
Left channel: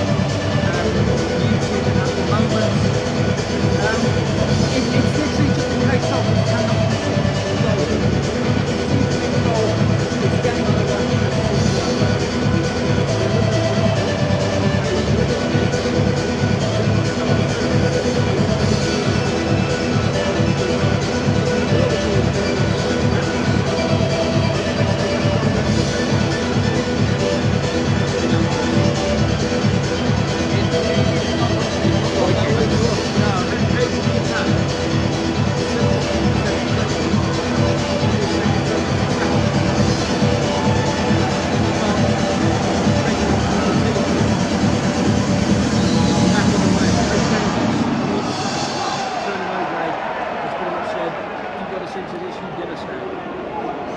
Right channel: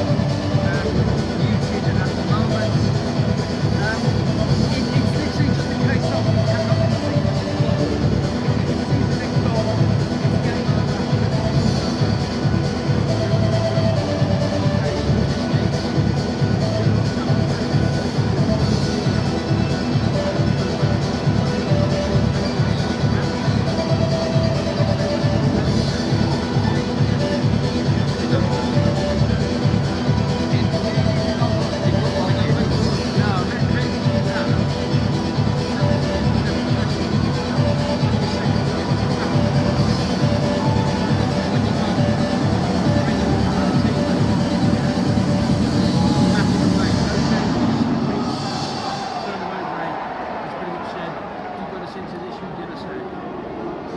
muted at the moment. It's literally just a case of we cannot concede the next goal. If you concede the next goal, it's game over and it's over.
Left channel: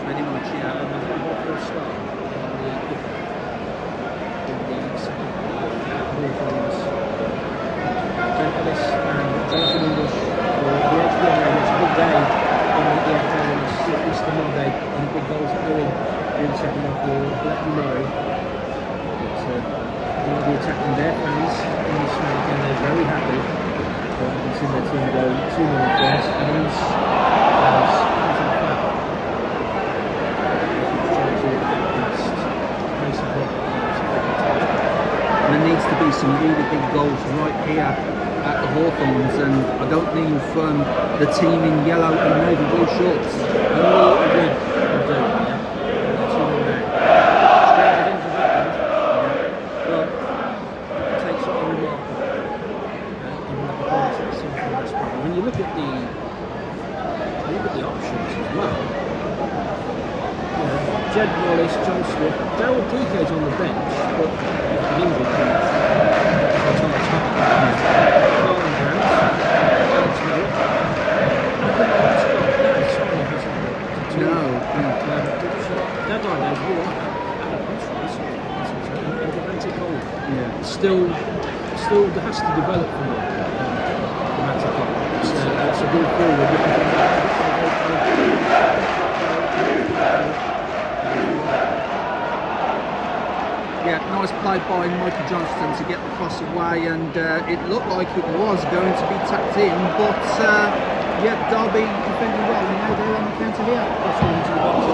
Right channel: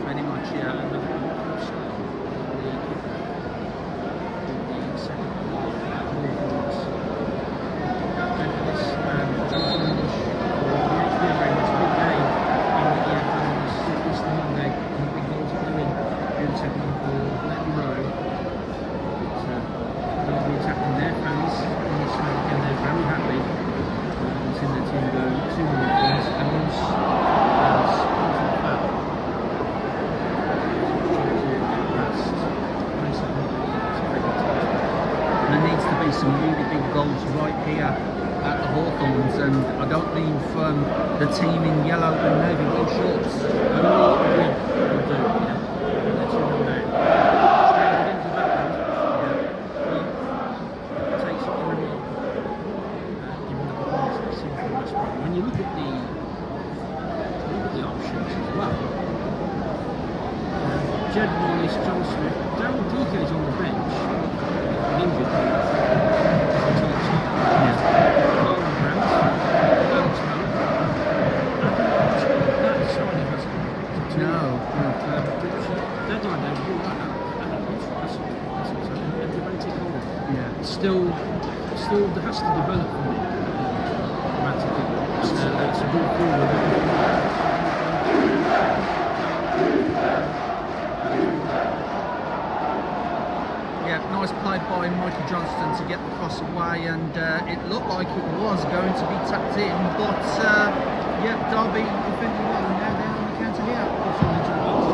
Pretty much, yeah. And I think what will start Ellis and Jonathan English for the BHBN. It's a good day in the EFL Easter Monday, and big goals are going in the second half. Will let you know that they'll be attacking their fans in this match, and they're very happy. But until their team go 2-0 first, and who's into the back. There needs to be some really big goals right here at the Hawthorns, and I don't mean from the team in yellow and navy blue shorts. Only a stranger things have happened. Well, it takes something remarkable in the performance that we've seen from West Brom. When you look at the options as well, Jed Wallace, John Smith, Daryl DK's on the bench, but an injured coach for Thomas Hart. Nolan Grant, Alex Miller, Adam Scott, that Sonny hasn't No. that line there is all right. Adam Hunter, still there has to develop from it. It's a good forward. Yeah, nice play by Michael Johnston to get the cross away, and it looked like it was going to be tapped in, but yeah, Derby defending well, and now they're on the counter here. Crossing into the box as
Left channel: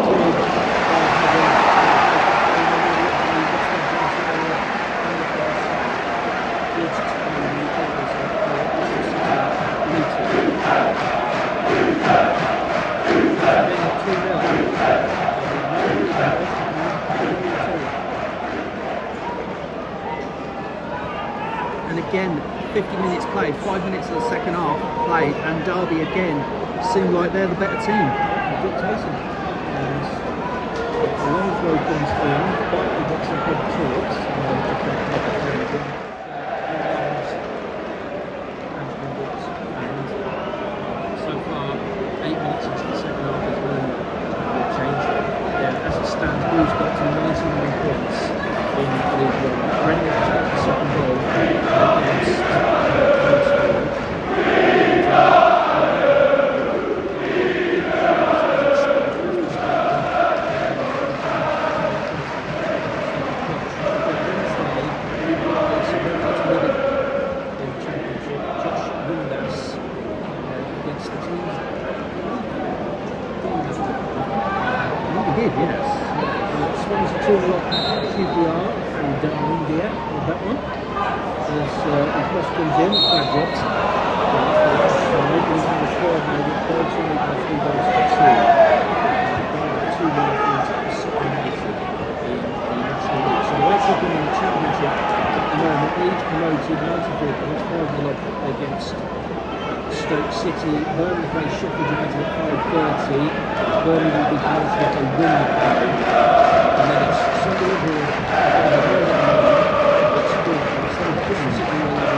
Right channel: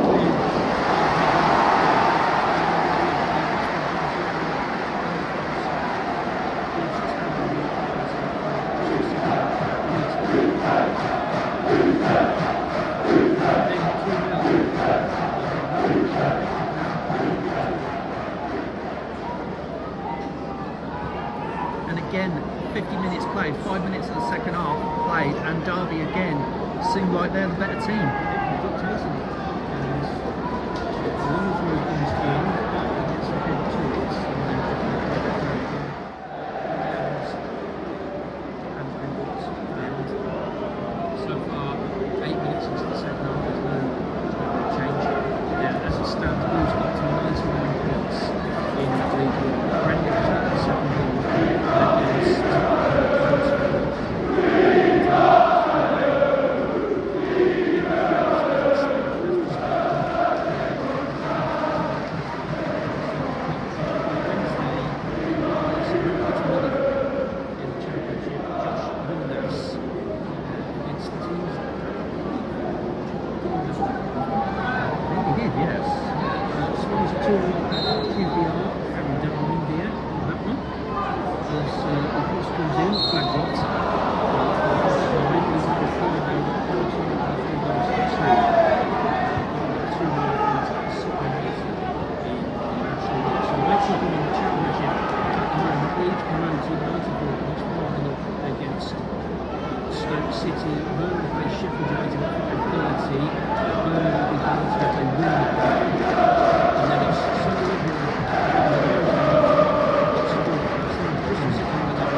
And again, 50 minutes played, 5 minutes of the second half played, and Derby again seem like they're the better team. dictating. The levels where he's gone down, but he got some good tools. So far, 8 minutes into the second half, there's no change. Yeah, as it stands, Blues got to 99 points in League One. Bromwich got the second goal against Yes. Swansea 2-0 QPR and India with that one. As the cross comes in, flag dropped. Losing the third now, but Bolton with 3 goals to 2. 2-1 for second place in the National League. So we're talking in the Championship at the moment. Leeds promoted 94 points, 5-0 against Stoke City. Burnley play Sheffield United at 5:30. Burnley will be penalty if they win that game. And then it's Sunderland who it's Bristol City 11.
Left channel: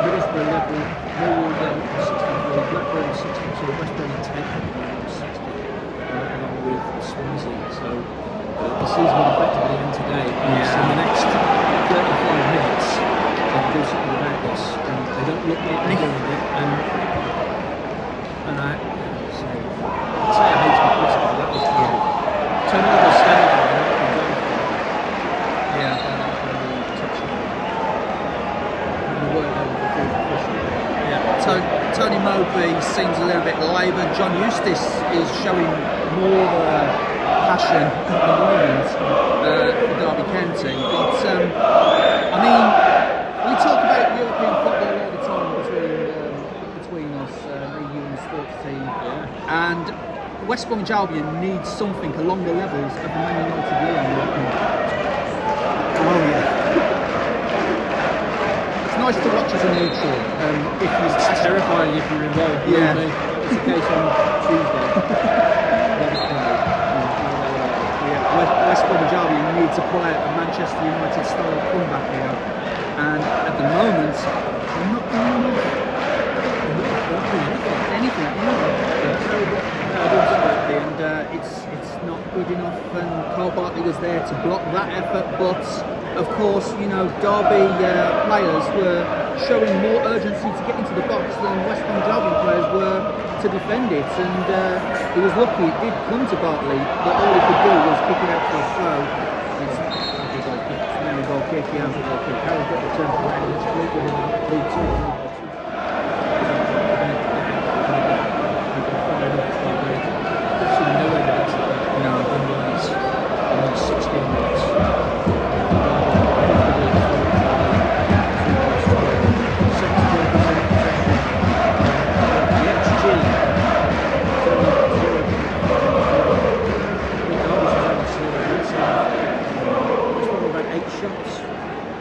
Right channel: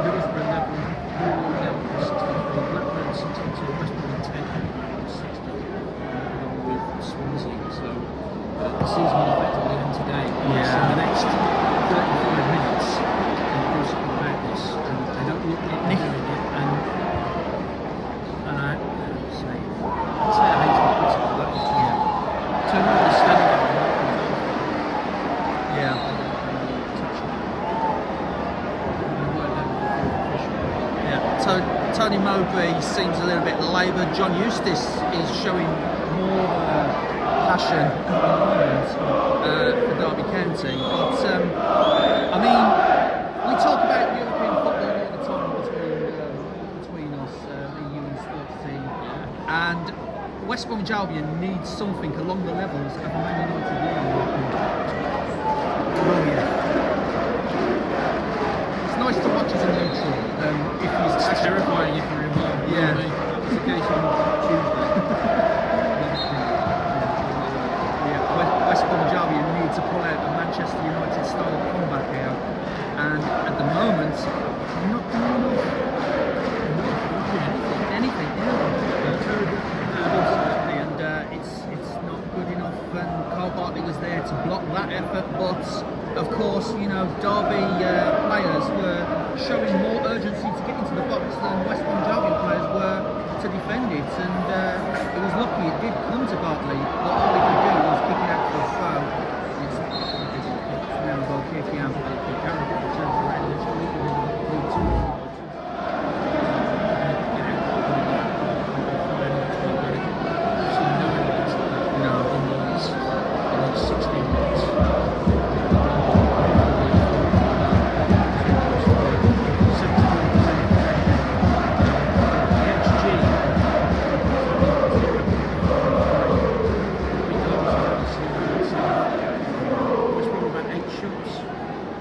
Middlesbrough level, Millwall then 64, Blackburn 62, West Brom in 10th, Blackburn 60, along with Swansea. So the season will effectively end today. Yeah. So the next 35 minutes are basically about this, and they don't look like they're doing it. And I say I hate to put it like that. Yeah. Turnover standing there, and comes on. Yeah. Tony Mowbray seems a little bit laboured. John Eustace is showing more of a passion at the moment for Derby County. But I mean, we talk about European football all the time between us, me, you, and the sports team. Yeah. And West Bromwich Albion needs something along the levels of the Man United Leon right now. Oh yeah. It's nice to watch as a neutral. If you It's terrifying if you're involved. Yeah. That was the case on Tuesday. Yeah, West Bromwich Albion need to pull out a Manchester United style comeback here, and at the moment they're not doing enough. They're not doing anything. Absolutely, and it's not good enough. And Carl Bartley was there to block that effort, but of course, you know, Derby players were showing more urgency to get into the box than West Bromwich Albion players were to defend it, and he was lucky it did come to Bartley, but all he could do was kick it out for a throw. It's now a goal kick, yeah. Carroll got the turn for this week and League 2. I've seen no evidence of that in these 16 minutes.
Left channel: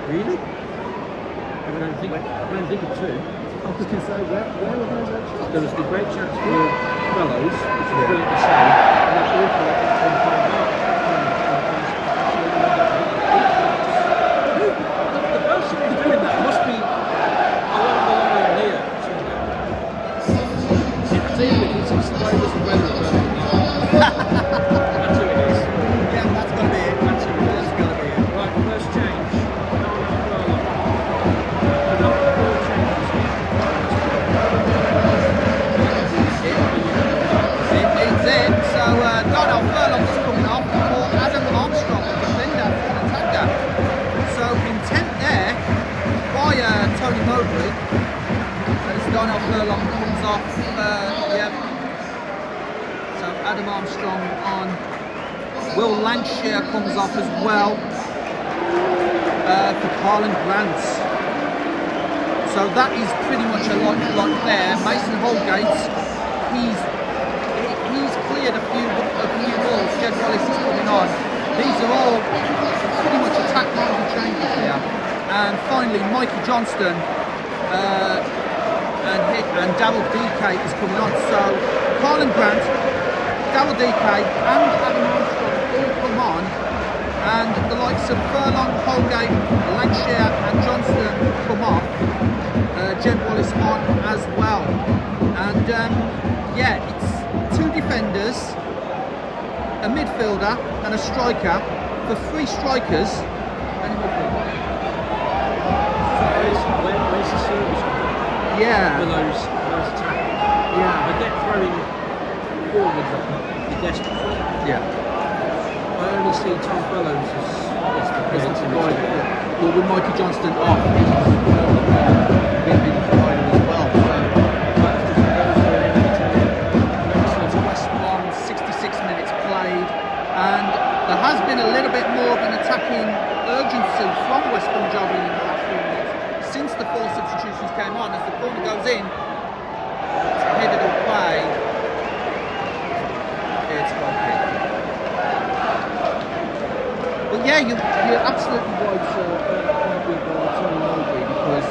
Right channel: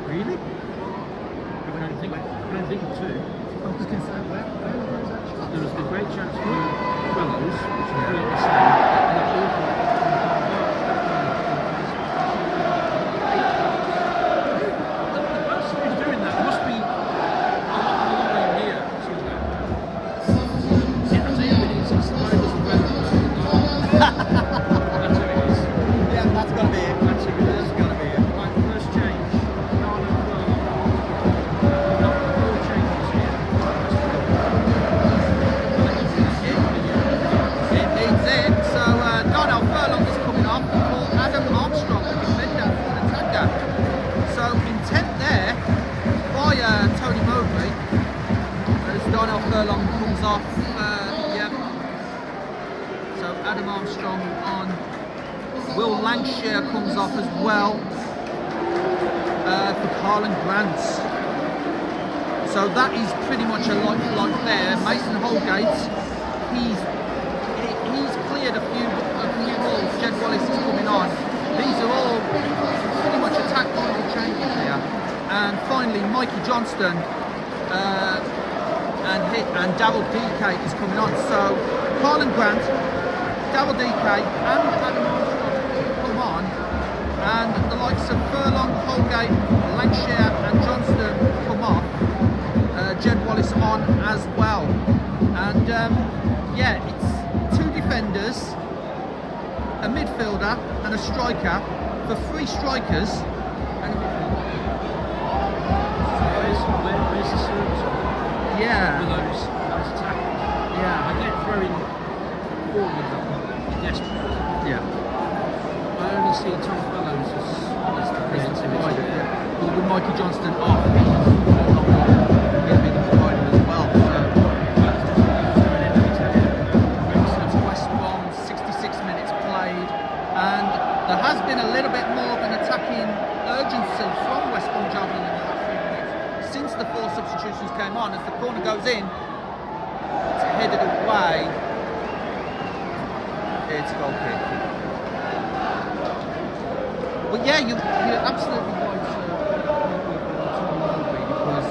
Really? I don't think 2. I was going to say, where were those out shots? There was the great chance for Fellows, which was brilliantly saved, and that awful effort from Carl Bartley. The person who's doing that must be along the line here somewhere. I think it's exposed as the weather. That's who it is. Tony Mowbray. Darnell Furlong comes off. So Adam Armstrong on. Will Lancashire comes off as well for Carlin Grant. So that is pretty much a like for like there. Mason Holgate, he's cleared a few balls. Jed Wallace is coming on. These are all pretty much attack-minded changes there. And finally, Mikey Johnston and Darryl DK is coming on. So Carlin Grant, Darryl DK and Adam Armstrong all come on, and the likes of Furlong, Holgate, Lancashire and Johnston come off. Jed Wallace on as well. And it's 2 defenders, a midfielder and a striker, for 3 strikers and a midfielder. Where's the service Yeah. for those attacking? Yeah. I get throwing forwards on, you're desperate. Yeah. I only see Tom Fellows as the Provider, Well, with Mikey Johnston off, he's no longer going to be the provider as well. So West Brom, 66 minutes played, and there has been a little bit more of an attacking urgency from West Brom Albion in the last few minutes since the 4 substitutions came on. As the corner goes in, it's headed away. It's goal kick. But yeah, you're absolutely right at a point with Tony Mowbray, because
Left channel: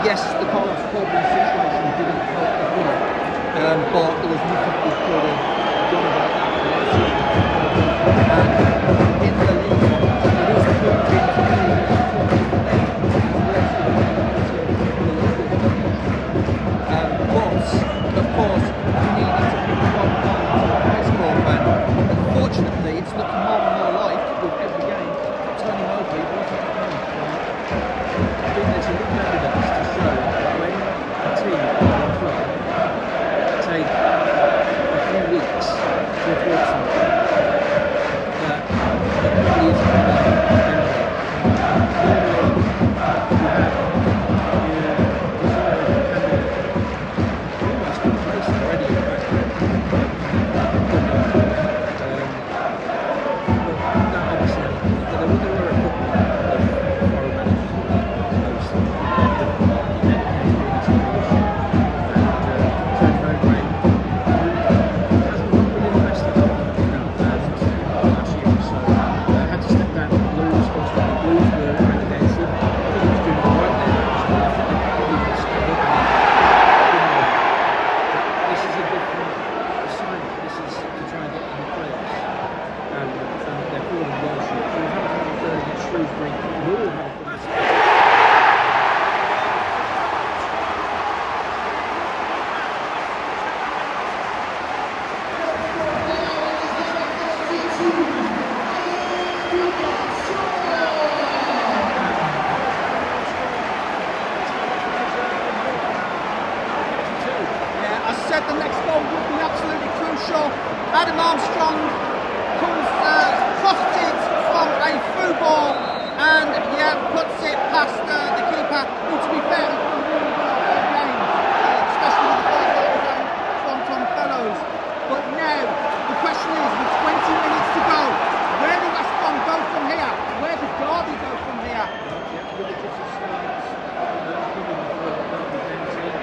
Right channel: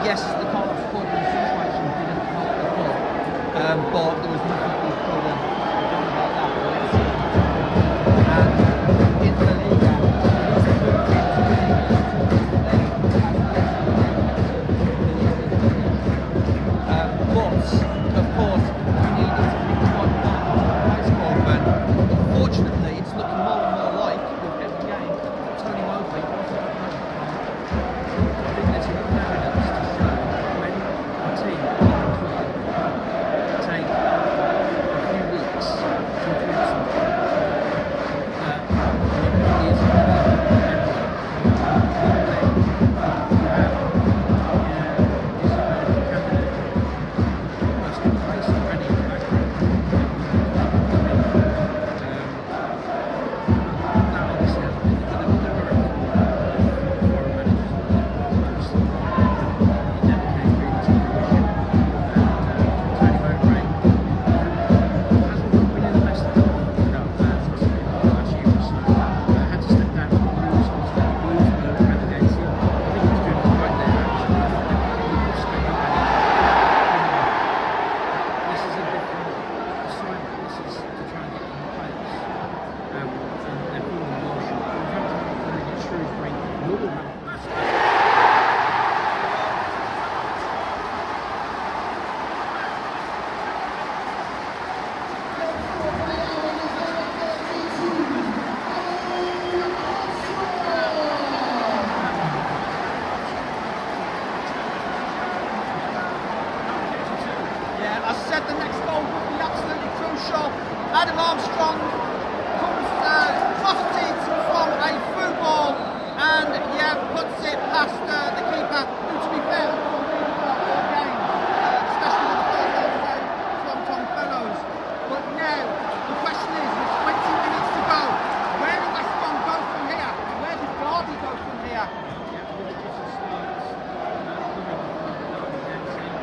yes, the Carlos Corbin situation didn't help the club, but there was nothing we could have done about that. And in the league, it is proving to be but of course, we need to pick the right pace Corbin. Unfortunately, it's looking more and more like, with every game, Tony Mowbray wasn't happening. I think there's enough evidence to show that when a team or a club take a few weeks to achieve something, that it probably isn't going to end well. Normally, you have your desired candidate almost in place already in the background. That obviously hasn't been it, but there were a couple of foreign managers who were close. He never came really to fruition. And Tony Mowbray, who hasn't not been in the best of health the last year or so, had to step down with Blues. Obviously, the Blues were relegated. I think he was doing it right there, actually. I think they probably would have stayed up anyway. But this is a different assignment. This is to try and get in the playoffs. And they're falling well short. Wolverhampton against Shrewsbury will have a mistake. Yeah, I said the next goal would be absolutely crucial. Adam Armstrong comes profited from a through ball and puts it past the keeper, who, to be fair, has done really well all game, especially with the first goal game from Tom Fellows. But now the question is, with 20 minutes to go, where do West Brom go from here? Where does Derby go from here? With the different starts coming for Derby Dempsey.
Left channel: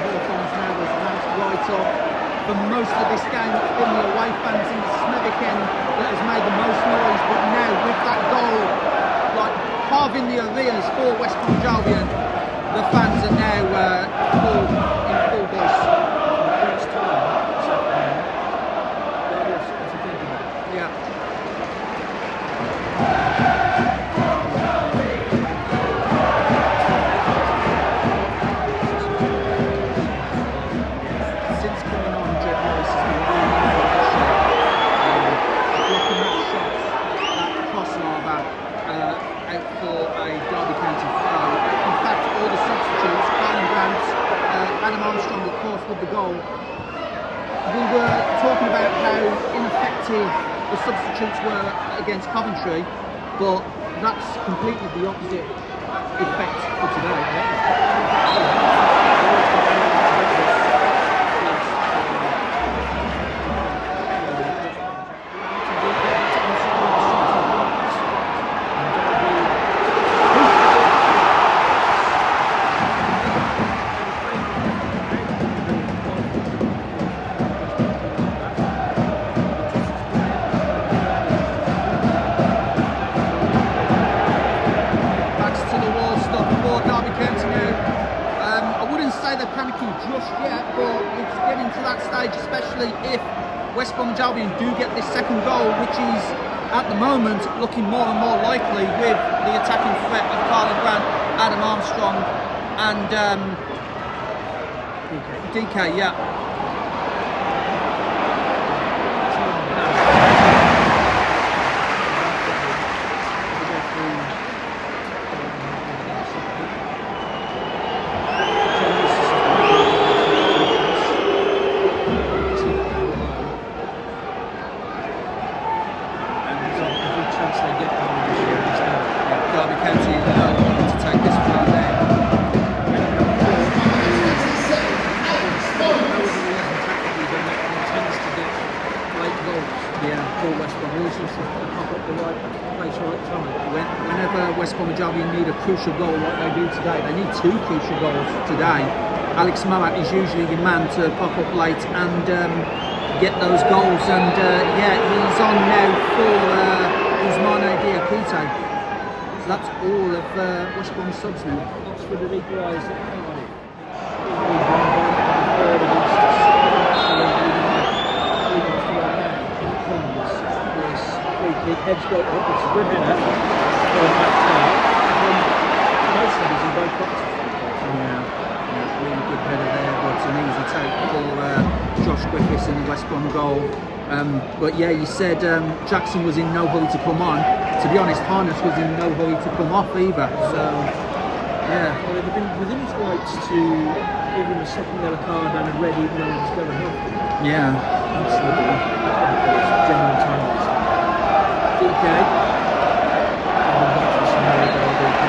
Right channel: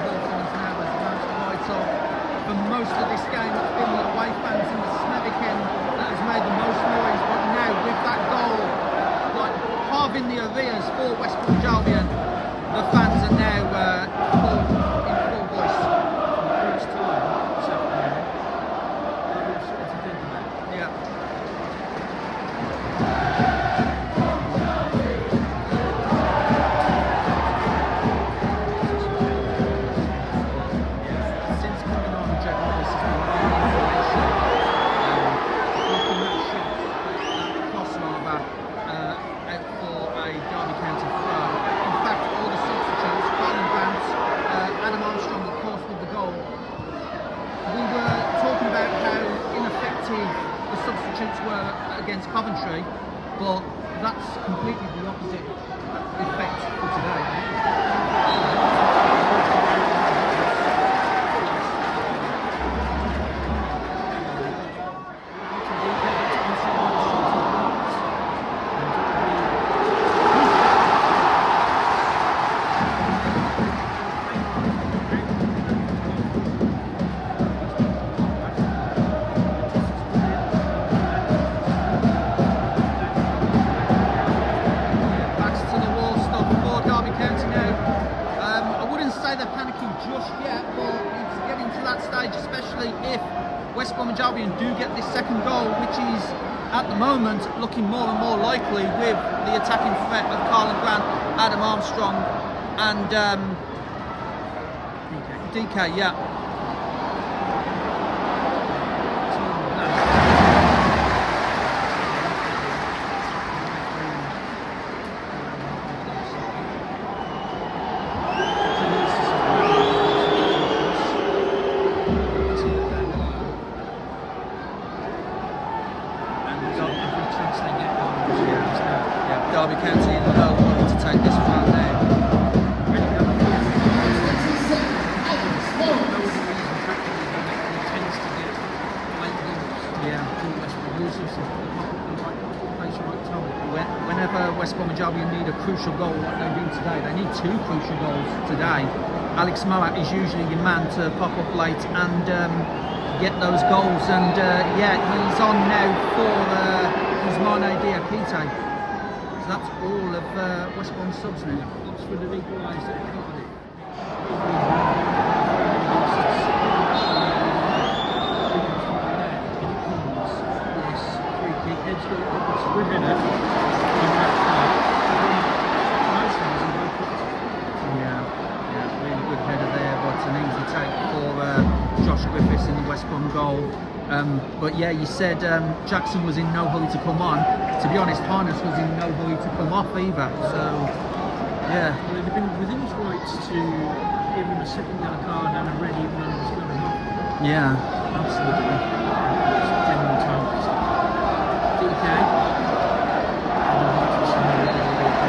Hawthorns now has ramped right up. For most of this game, it's been the away fans in the Smithwick end that has made the most noise, but now with that goal, like halving the arrears for West Bromwich Albion, the fans are now in full voice. For the first time this afternoon, Derby have something to think about. Yeah. about Adam Armstrong, of course, with the goal. We were talking about how ineffective the substitutes were against Coventry, but that's completely the opposite effect for today. I wouldn't say they're panicking just yet, but it's getting to that stage, especially if West Bromwich Albion do get this second goal, which is at the moment looking more and more likely with the attacking threat of Carlin Grant, Adam Armstrong and DK, yeah. Derby County know wanting to take this from there. Tends to get late goals. Yeah. For West Brom, always seems to pop up the right place, right time. Whenever West Bromwich Albion need a crucial goal like they do today, they need two crucial goals today. Alex Moat is usually your man to pop up late and get those goals. And yeah, he's on now for Ousmane Diakite. So that's all of West Brom subs now. Oxford have equalised at Cardiff. This free kick, heads go up, it's a good header from Matchday. Most headers in both boxes. Yeah, really good header there, but an easy take for Josh Griffiths in the West Brom goal. But yeah, you said Jackson was in no hurry to come on. To be honest, Harness was in no hurry to come off either. So yeah. Well, it'd have been within his rights to give him a second yellow card and a red even though he was going off. Yeah, absolutely. It's genuine time wasting. DK. And I'm not just more about DK.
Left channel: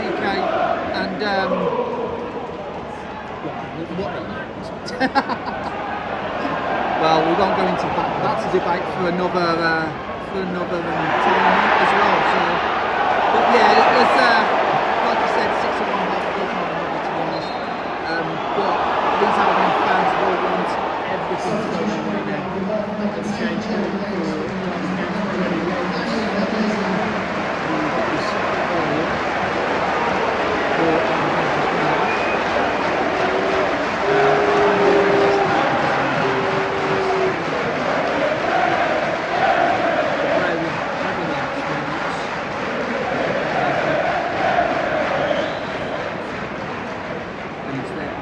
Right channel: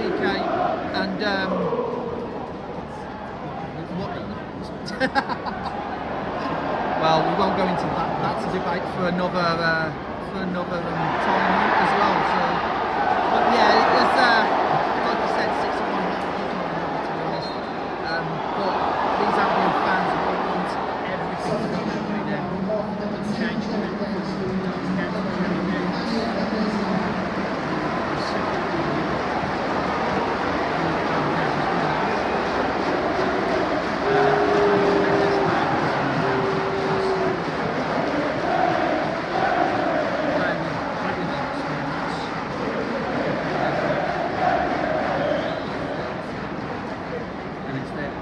DK, and well, we won't go into that. That's a debate for another time as well. So, but yeah, it was like you said, 6-1 half a dozen of another, to be honest. But these Albion fans will want everything to go their way now. They've changed it for Derby County to relegate us.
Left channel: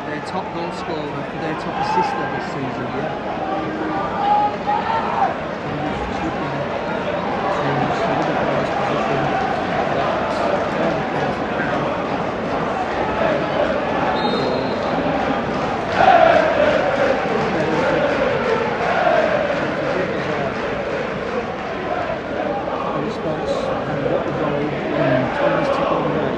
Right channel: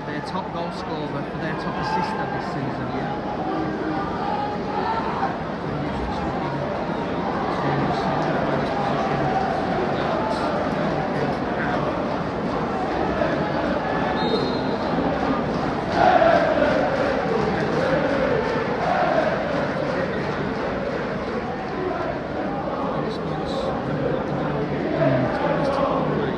Their top goal scorer for their top assister this season, Response and what the goal, time is ticking away.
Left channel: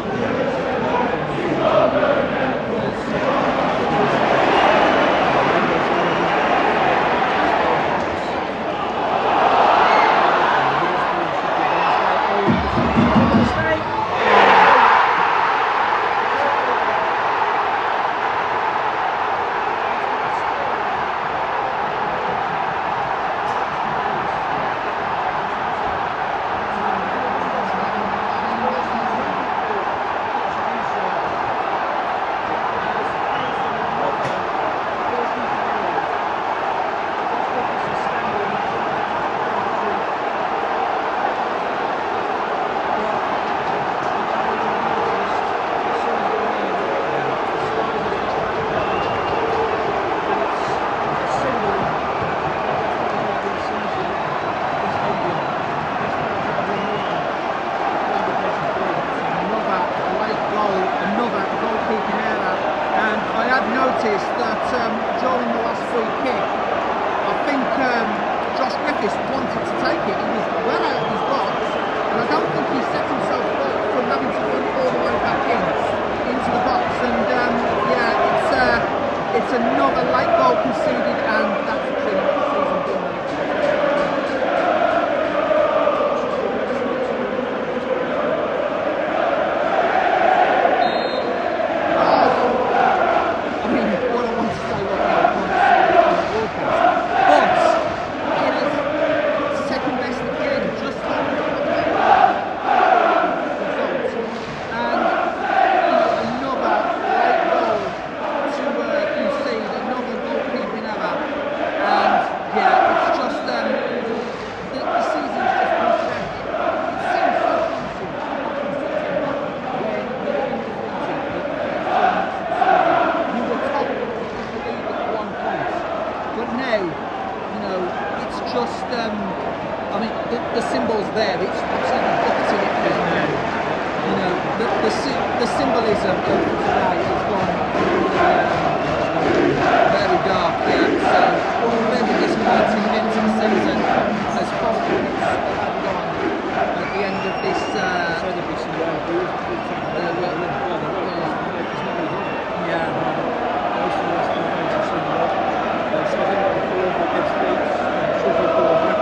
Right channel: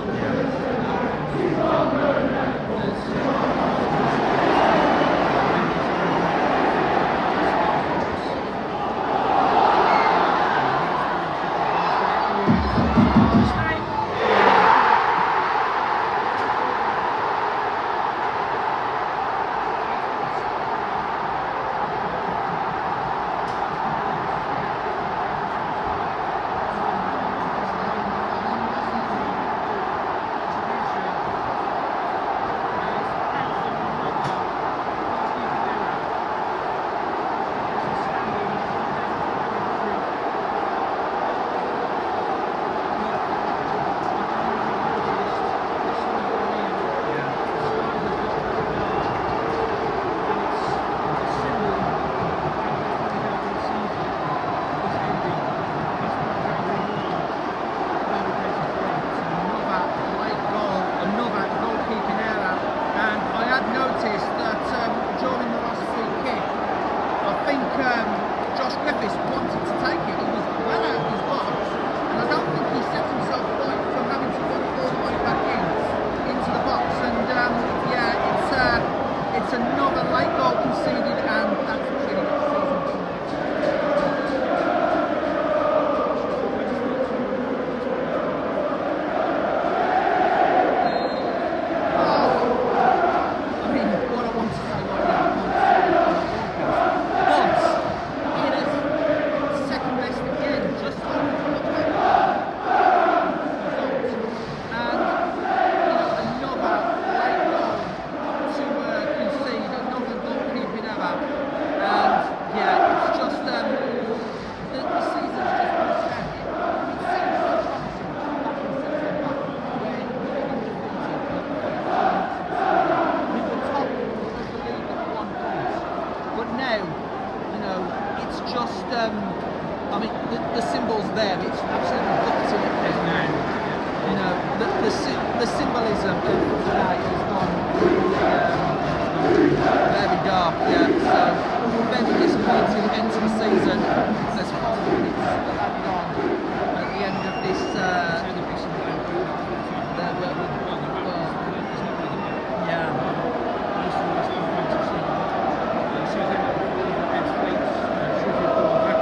Another goalkeeping error, and I had noticed that during the last free kick, I think Josh Griffiths wanted to take it. He was well out of his box, and I don't think he set himself right from having to run all the way back into the box. And yeah, it's another late goal conceded, and that's pretty much the season done. But now, it's just, the symbol's there. It's absolutely booked in it now. The symbolism of today has gone really, very dark. Yeah. So, very disappointing end to the season as 5 minutes have gone at the end of this. Most of the rest of the fans have seen a lot. So I think that will fall over head street. Should we pull back?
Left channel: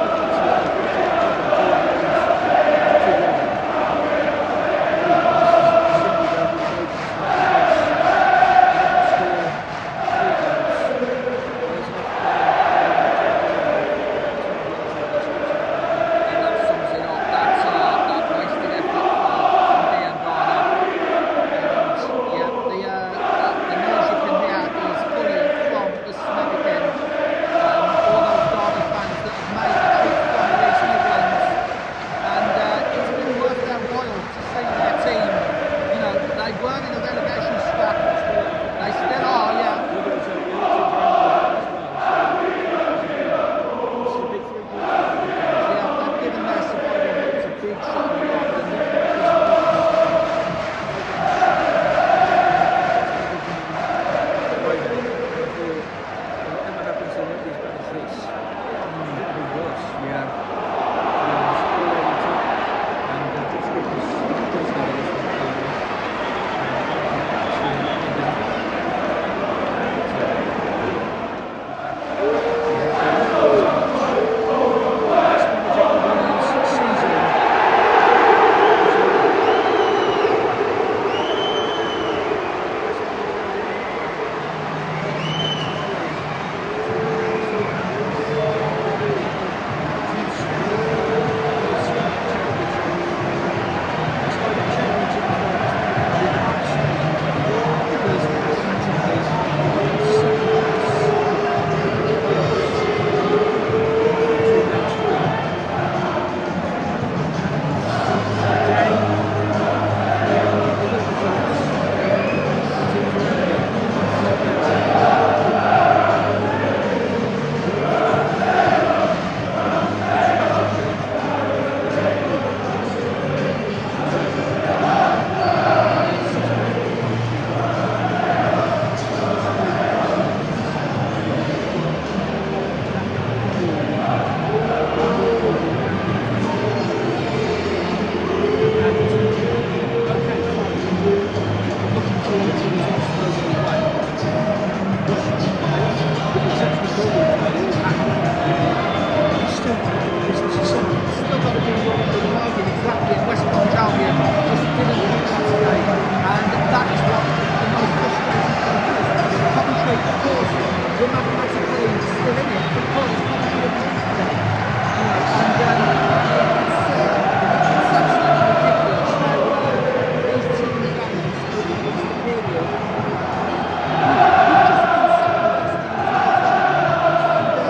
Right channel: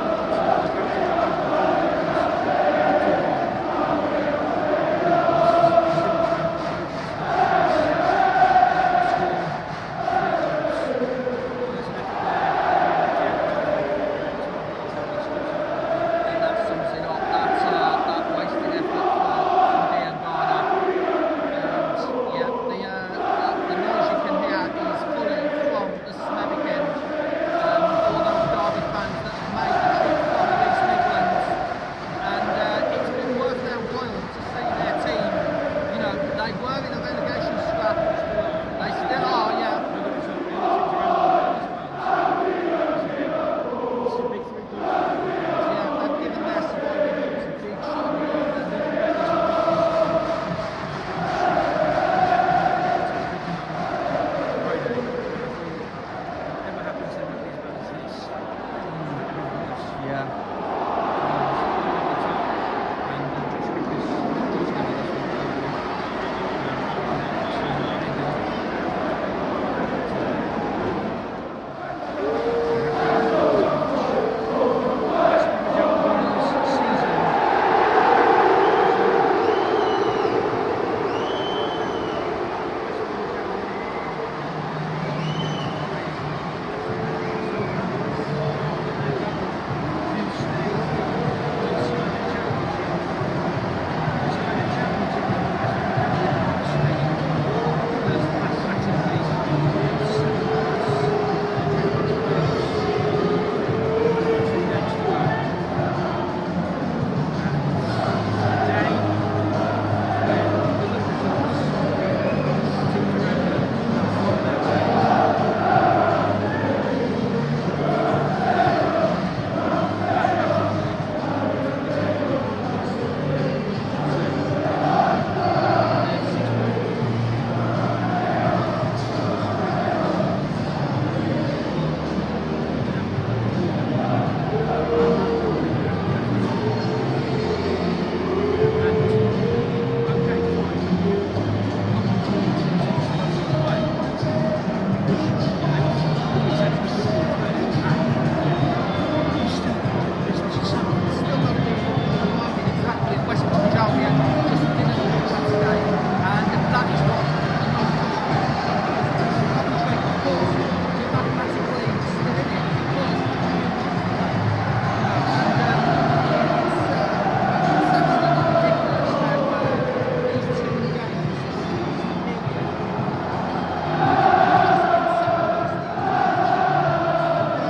They were in a relegation scrap. They still are, yeah. The other teams are as well, so this is a big 3 points. Yeah, they've given their survival hopes a big shot in the arm. Whatever happens, they won't be as bad as this. It'll be worse. Yeah. All over the top, and Josh Griffiths does know this one. that is what the most frustrating thing is. Coventry, of course, were mathematically still in it because Coventry have lost today. You know, and it's absolutely ridiculous how these two games over the Easter period, we've just been second best the entire time. And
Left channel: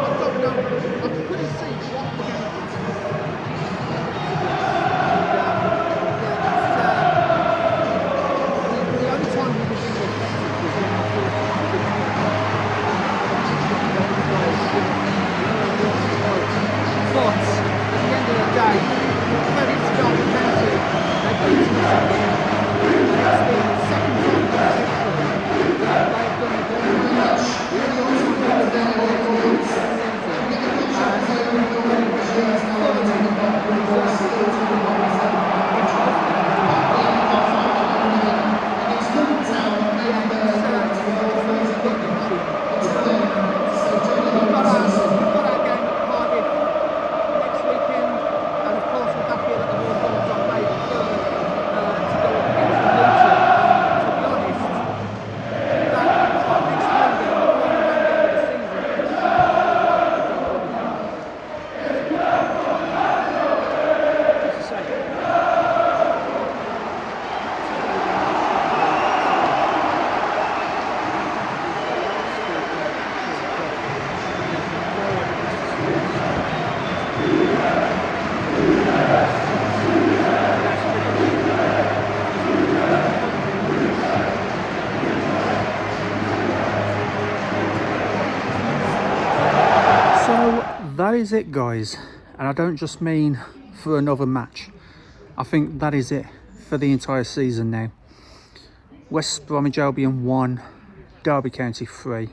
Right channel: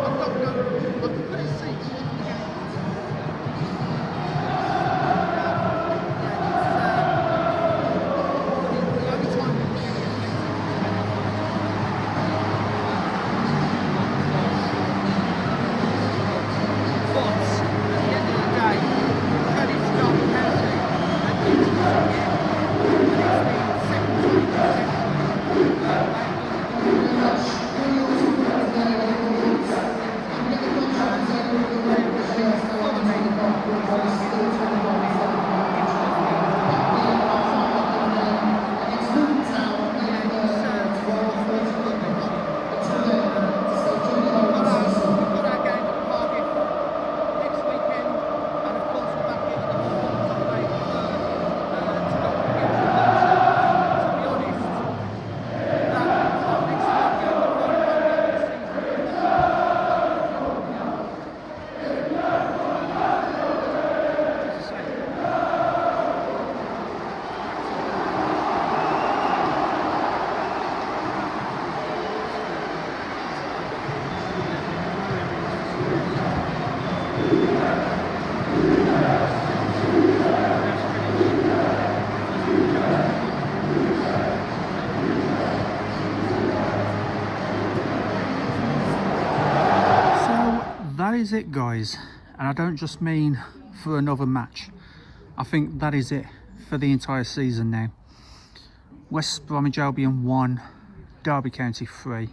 I don't know, I couldn't see what the game was yesterday, to be honest. And yeah, it's I mean, the only time we were really effective was when the fourth didn't go on. And the got the golden goals, give us a low. But at the end of the day, credit to Derby County, they've beaten us again. And it's the second time this century that they've done the double. The only other time they've done it this season. And they've been thoroughly deserving of the win in both games. And yeah, it's really gut-wrenching, you know. We've got our game at Cardiff next weekend, and of course we're back here at the Hawthorns on May 3rd to go up against Luton. And to be honest, that next home game, the final home game of the season, is looking like a dead rubber game. As I say, So that is it, guys, and I don't just mean for another match. I think that is it for the entire season now. West Bromwich Albion 1, Derby County 3.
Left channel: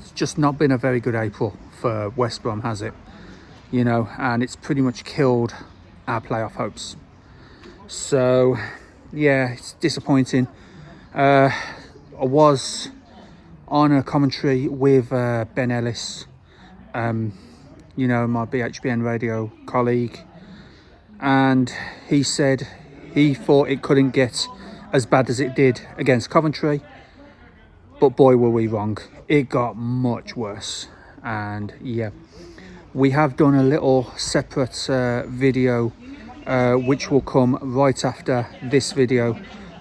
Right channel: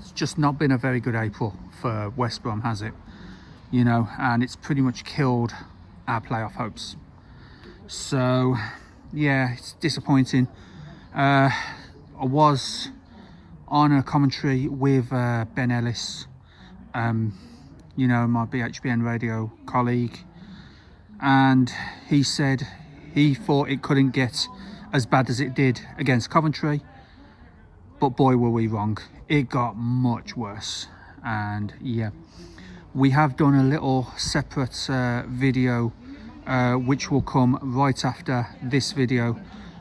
It's just not been a very good April for West Brom, has it? You know, and it's pretty much killed our playoff hopes. So yeah, it's disappointing. I was on a commentary with Ben Ellis, you know, my BHBN radio colleague, and he said he thought it couldn't get as bad as it did against Coventry, but boy were we wrong. It got much worse. And yeah, we have done a little separate video which will come right after this video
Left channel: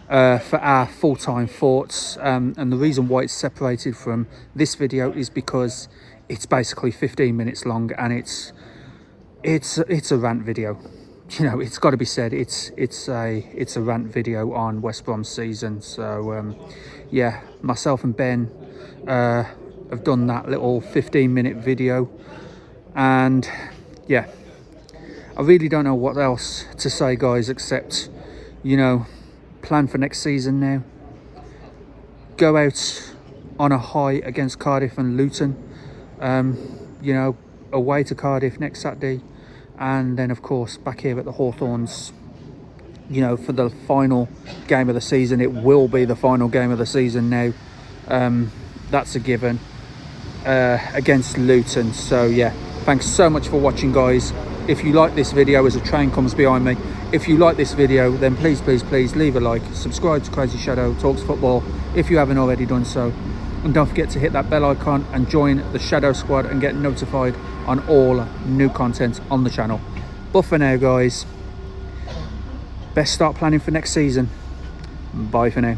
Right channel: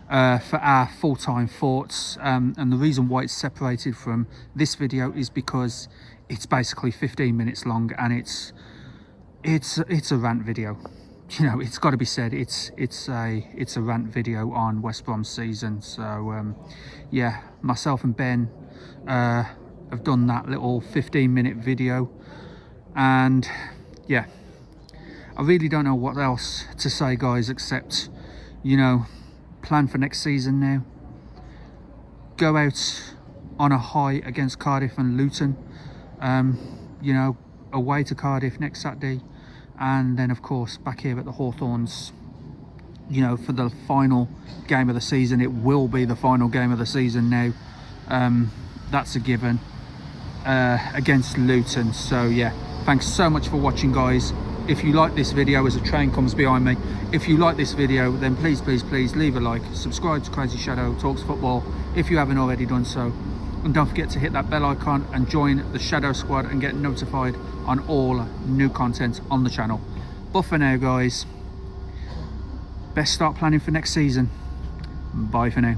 for our full-time thoughts, and the reason why it's separated from this video is because it's basically 15 minutes long, and it's a rant video. You know, it's got to be said, it's a rant video on West Brom's season. So yeah, myself and Ben have done that little 15-minute video, and yeah, I really don't know what else to say, guys, except, you know, plan for next season now. Go out on a high against Cardiff and Luton. You know, away to Cardiff next Saturday, and then of course back here at the Hawthorns, you know, for the final game of the season. It will be the final game of the season now. That's a given, against Luton. So yeah, thanks so much for watching, guys. If you like this video, as a train comes behind me, if you like this video, then please leave a like, subscribe to CrazyShadow Talks Football if you haven't already done so, and don't forget to hit that bell icon and join the Shadow Squad and get notified on all new content on the channel. But for now, guys, best start planning for next season. Bye for now.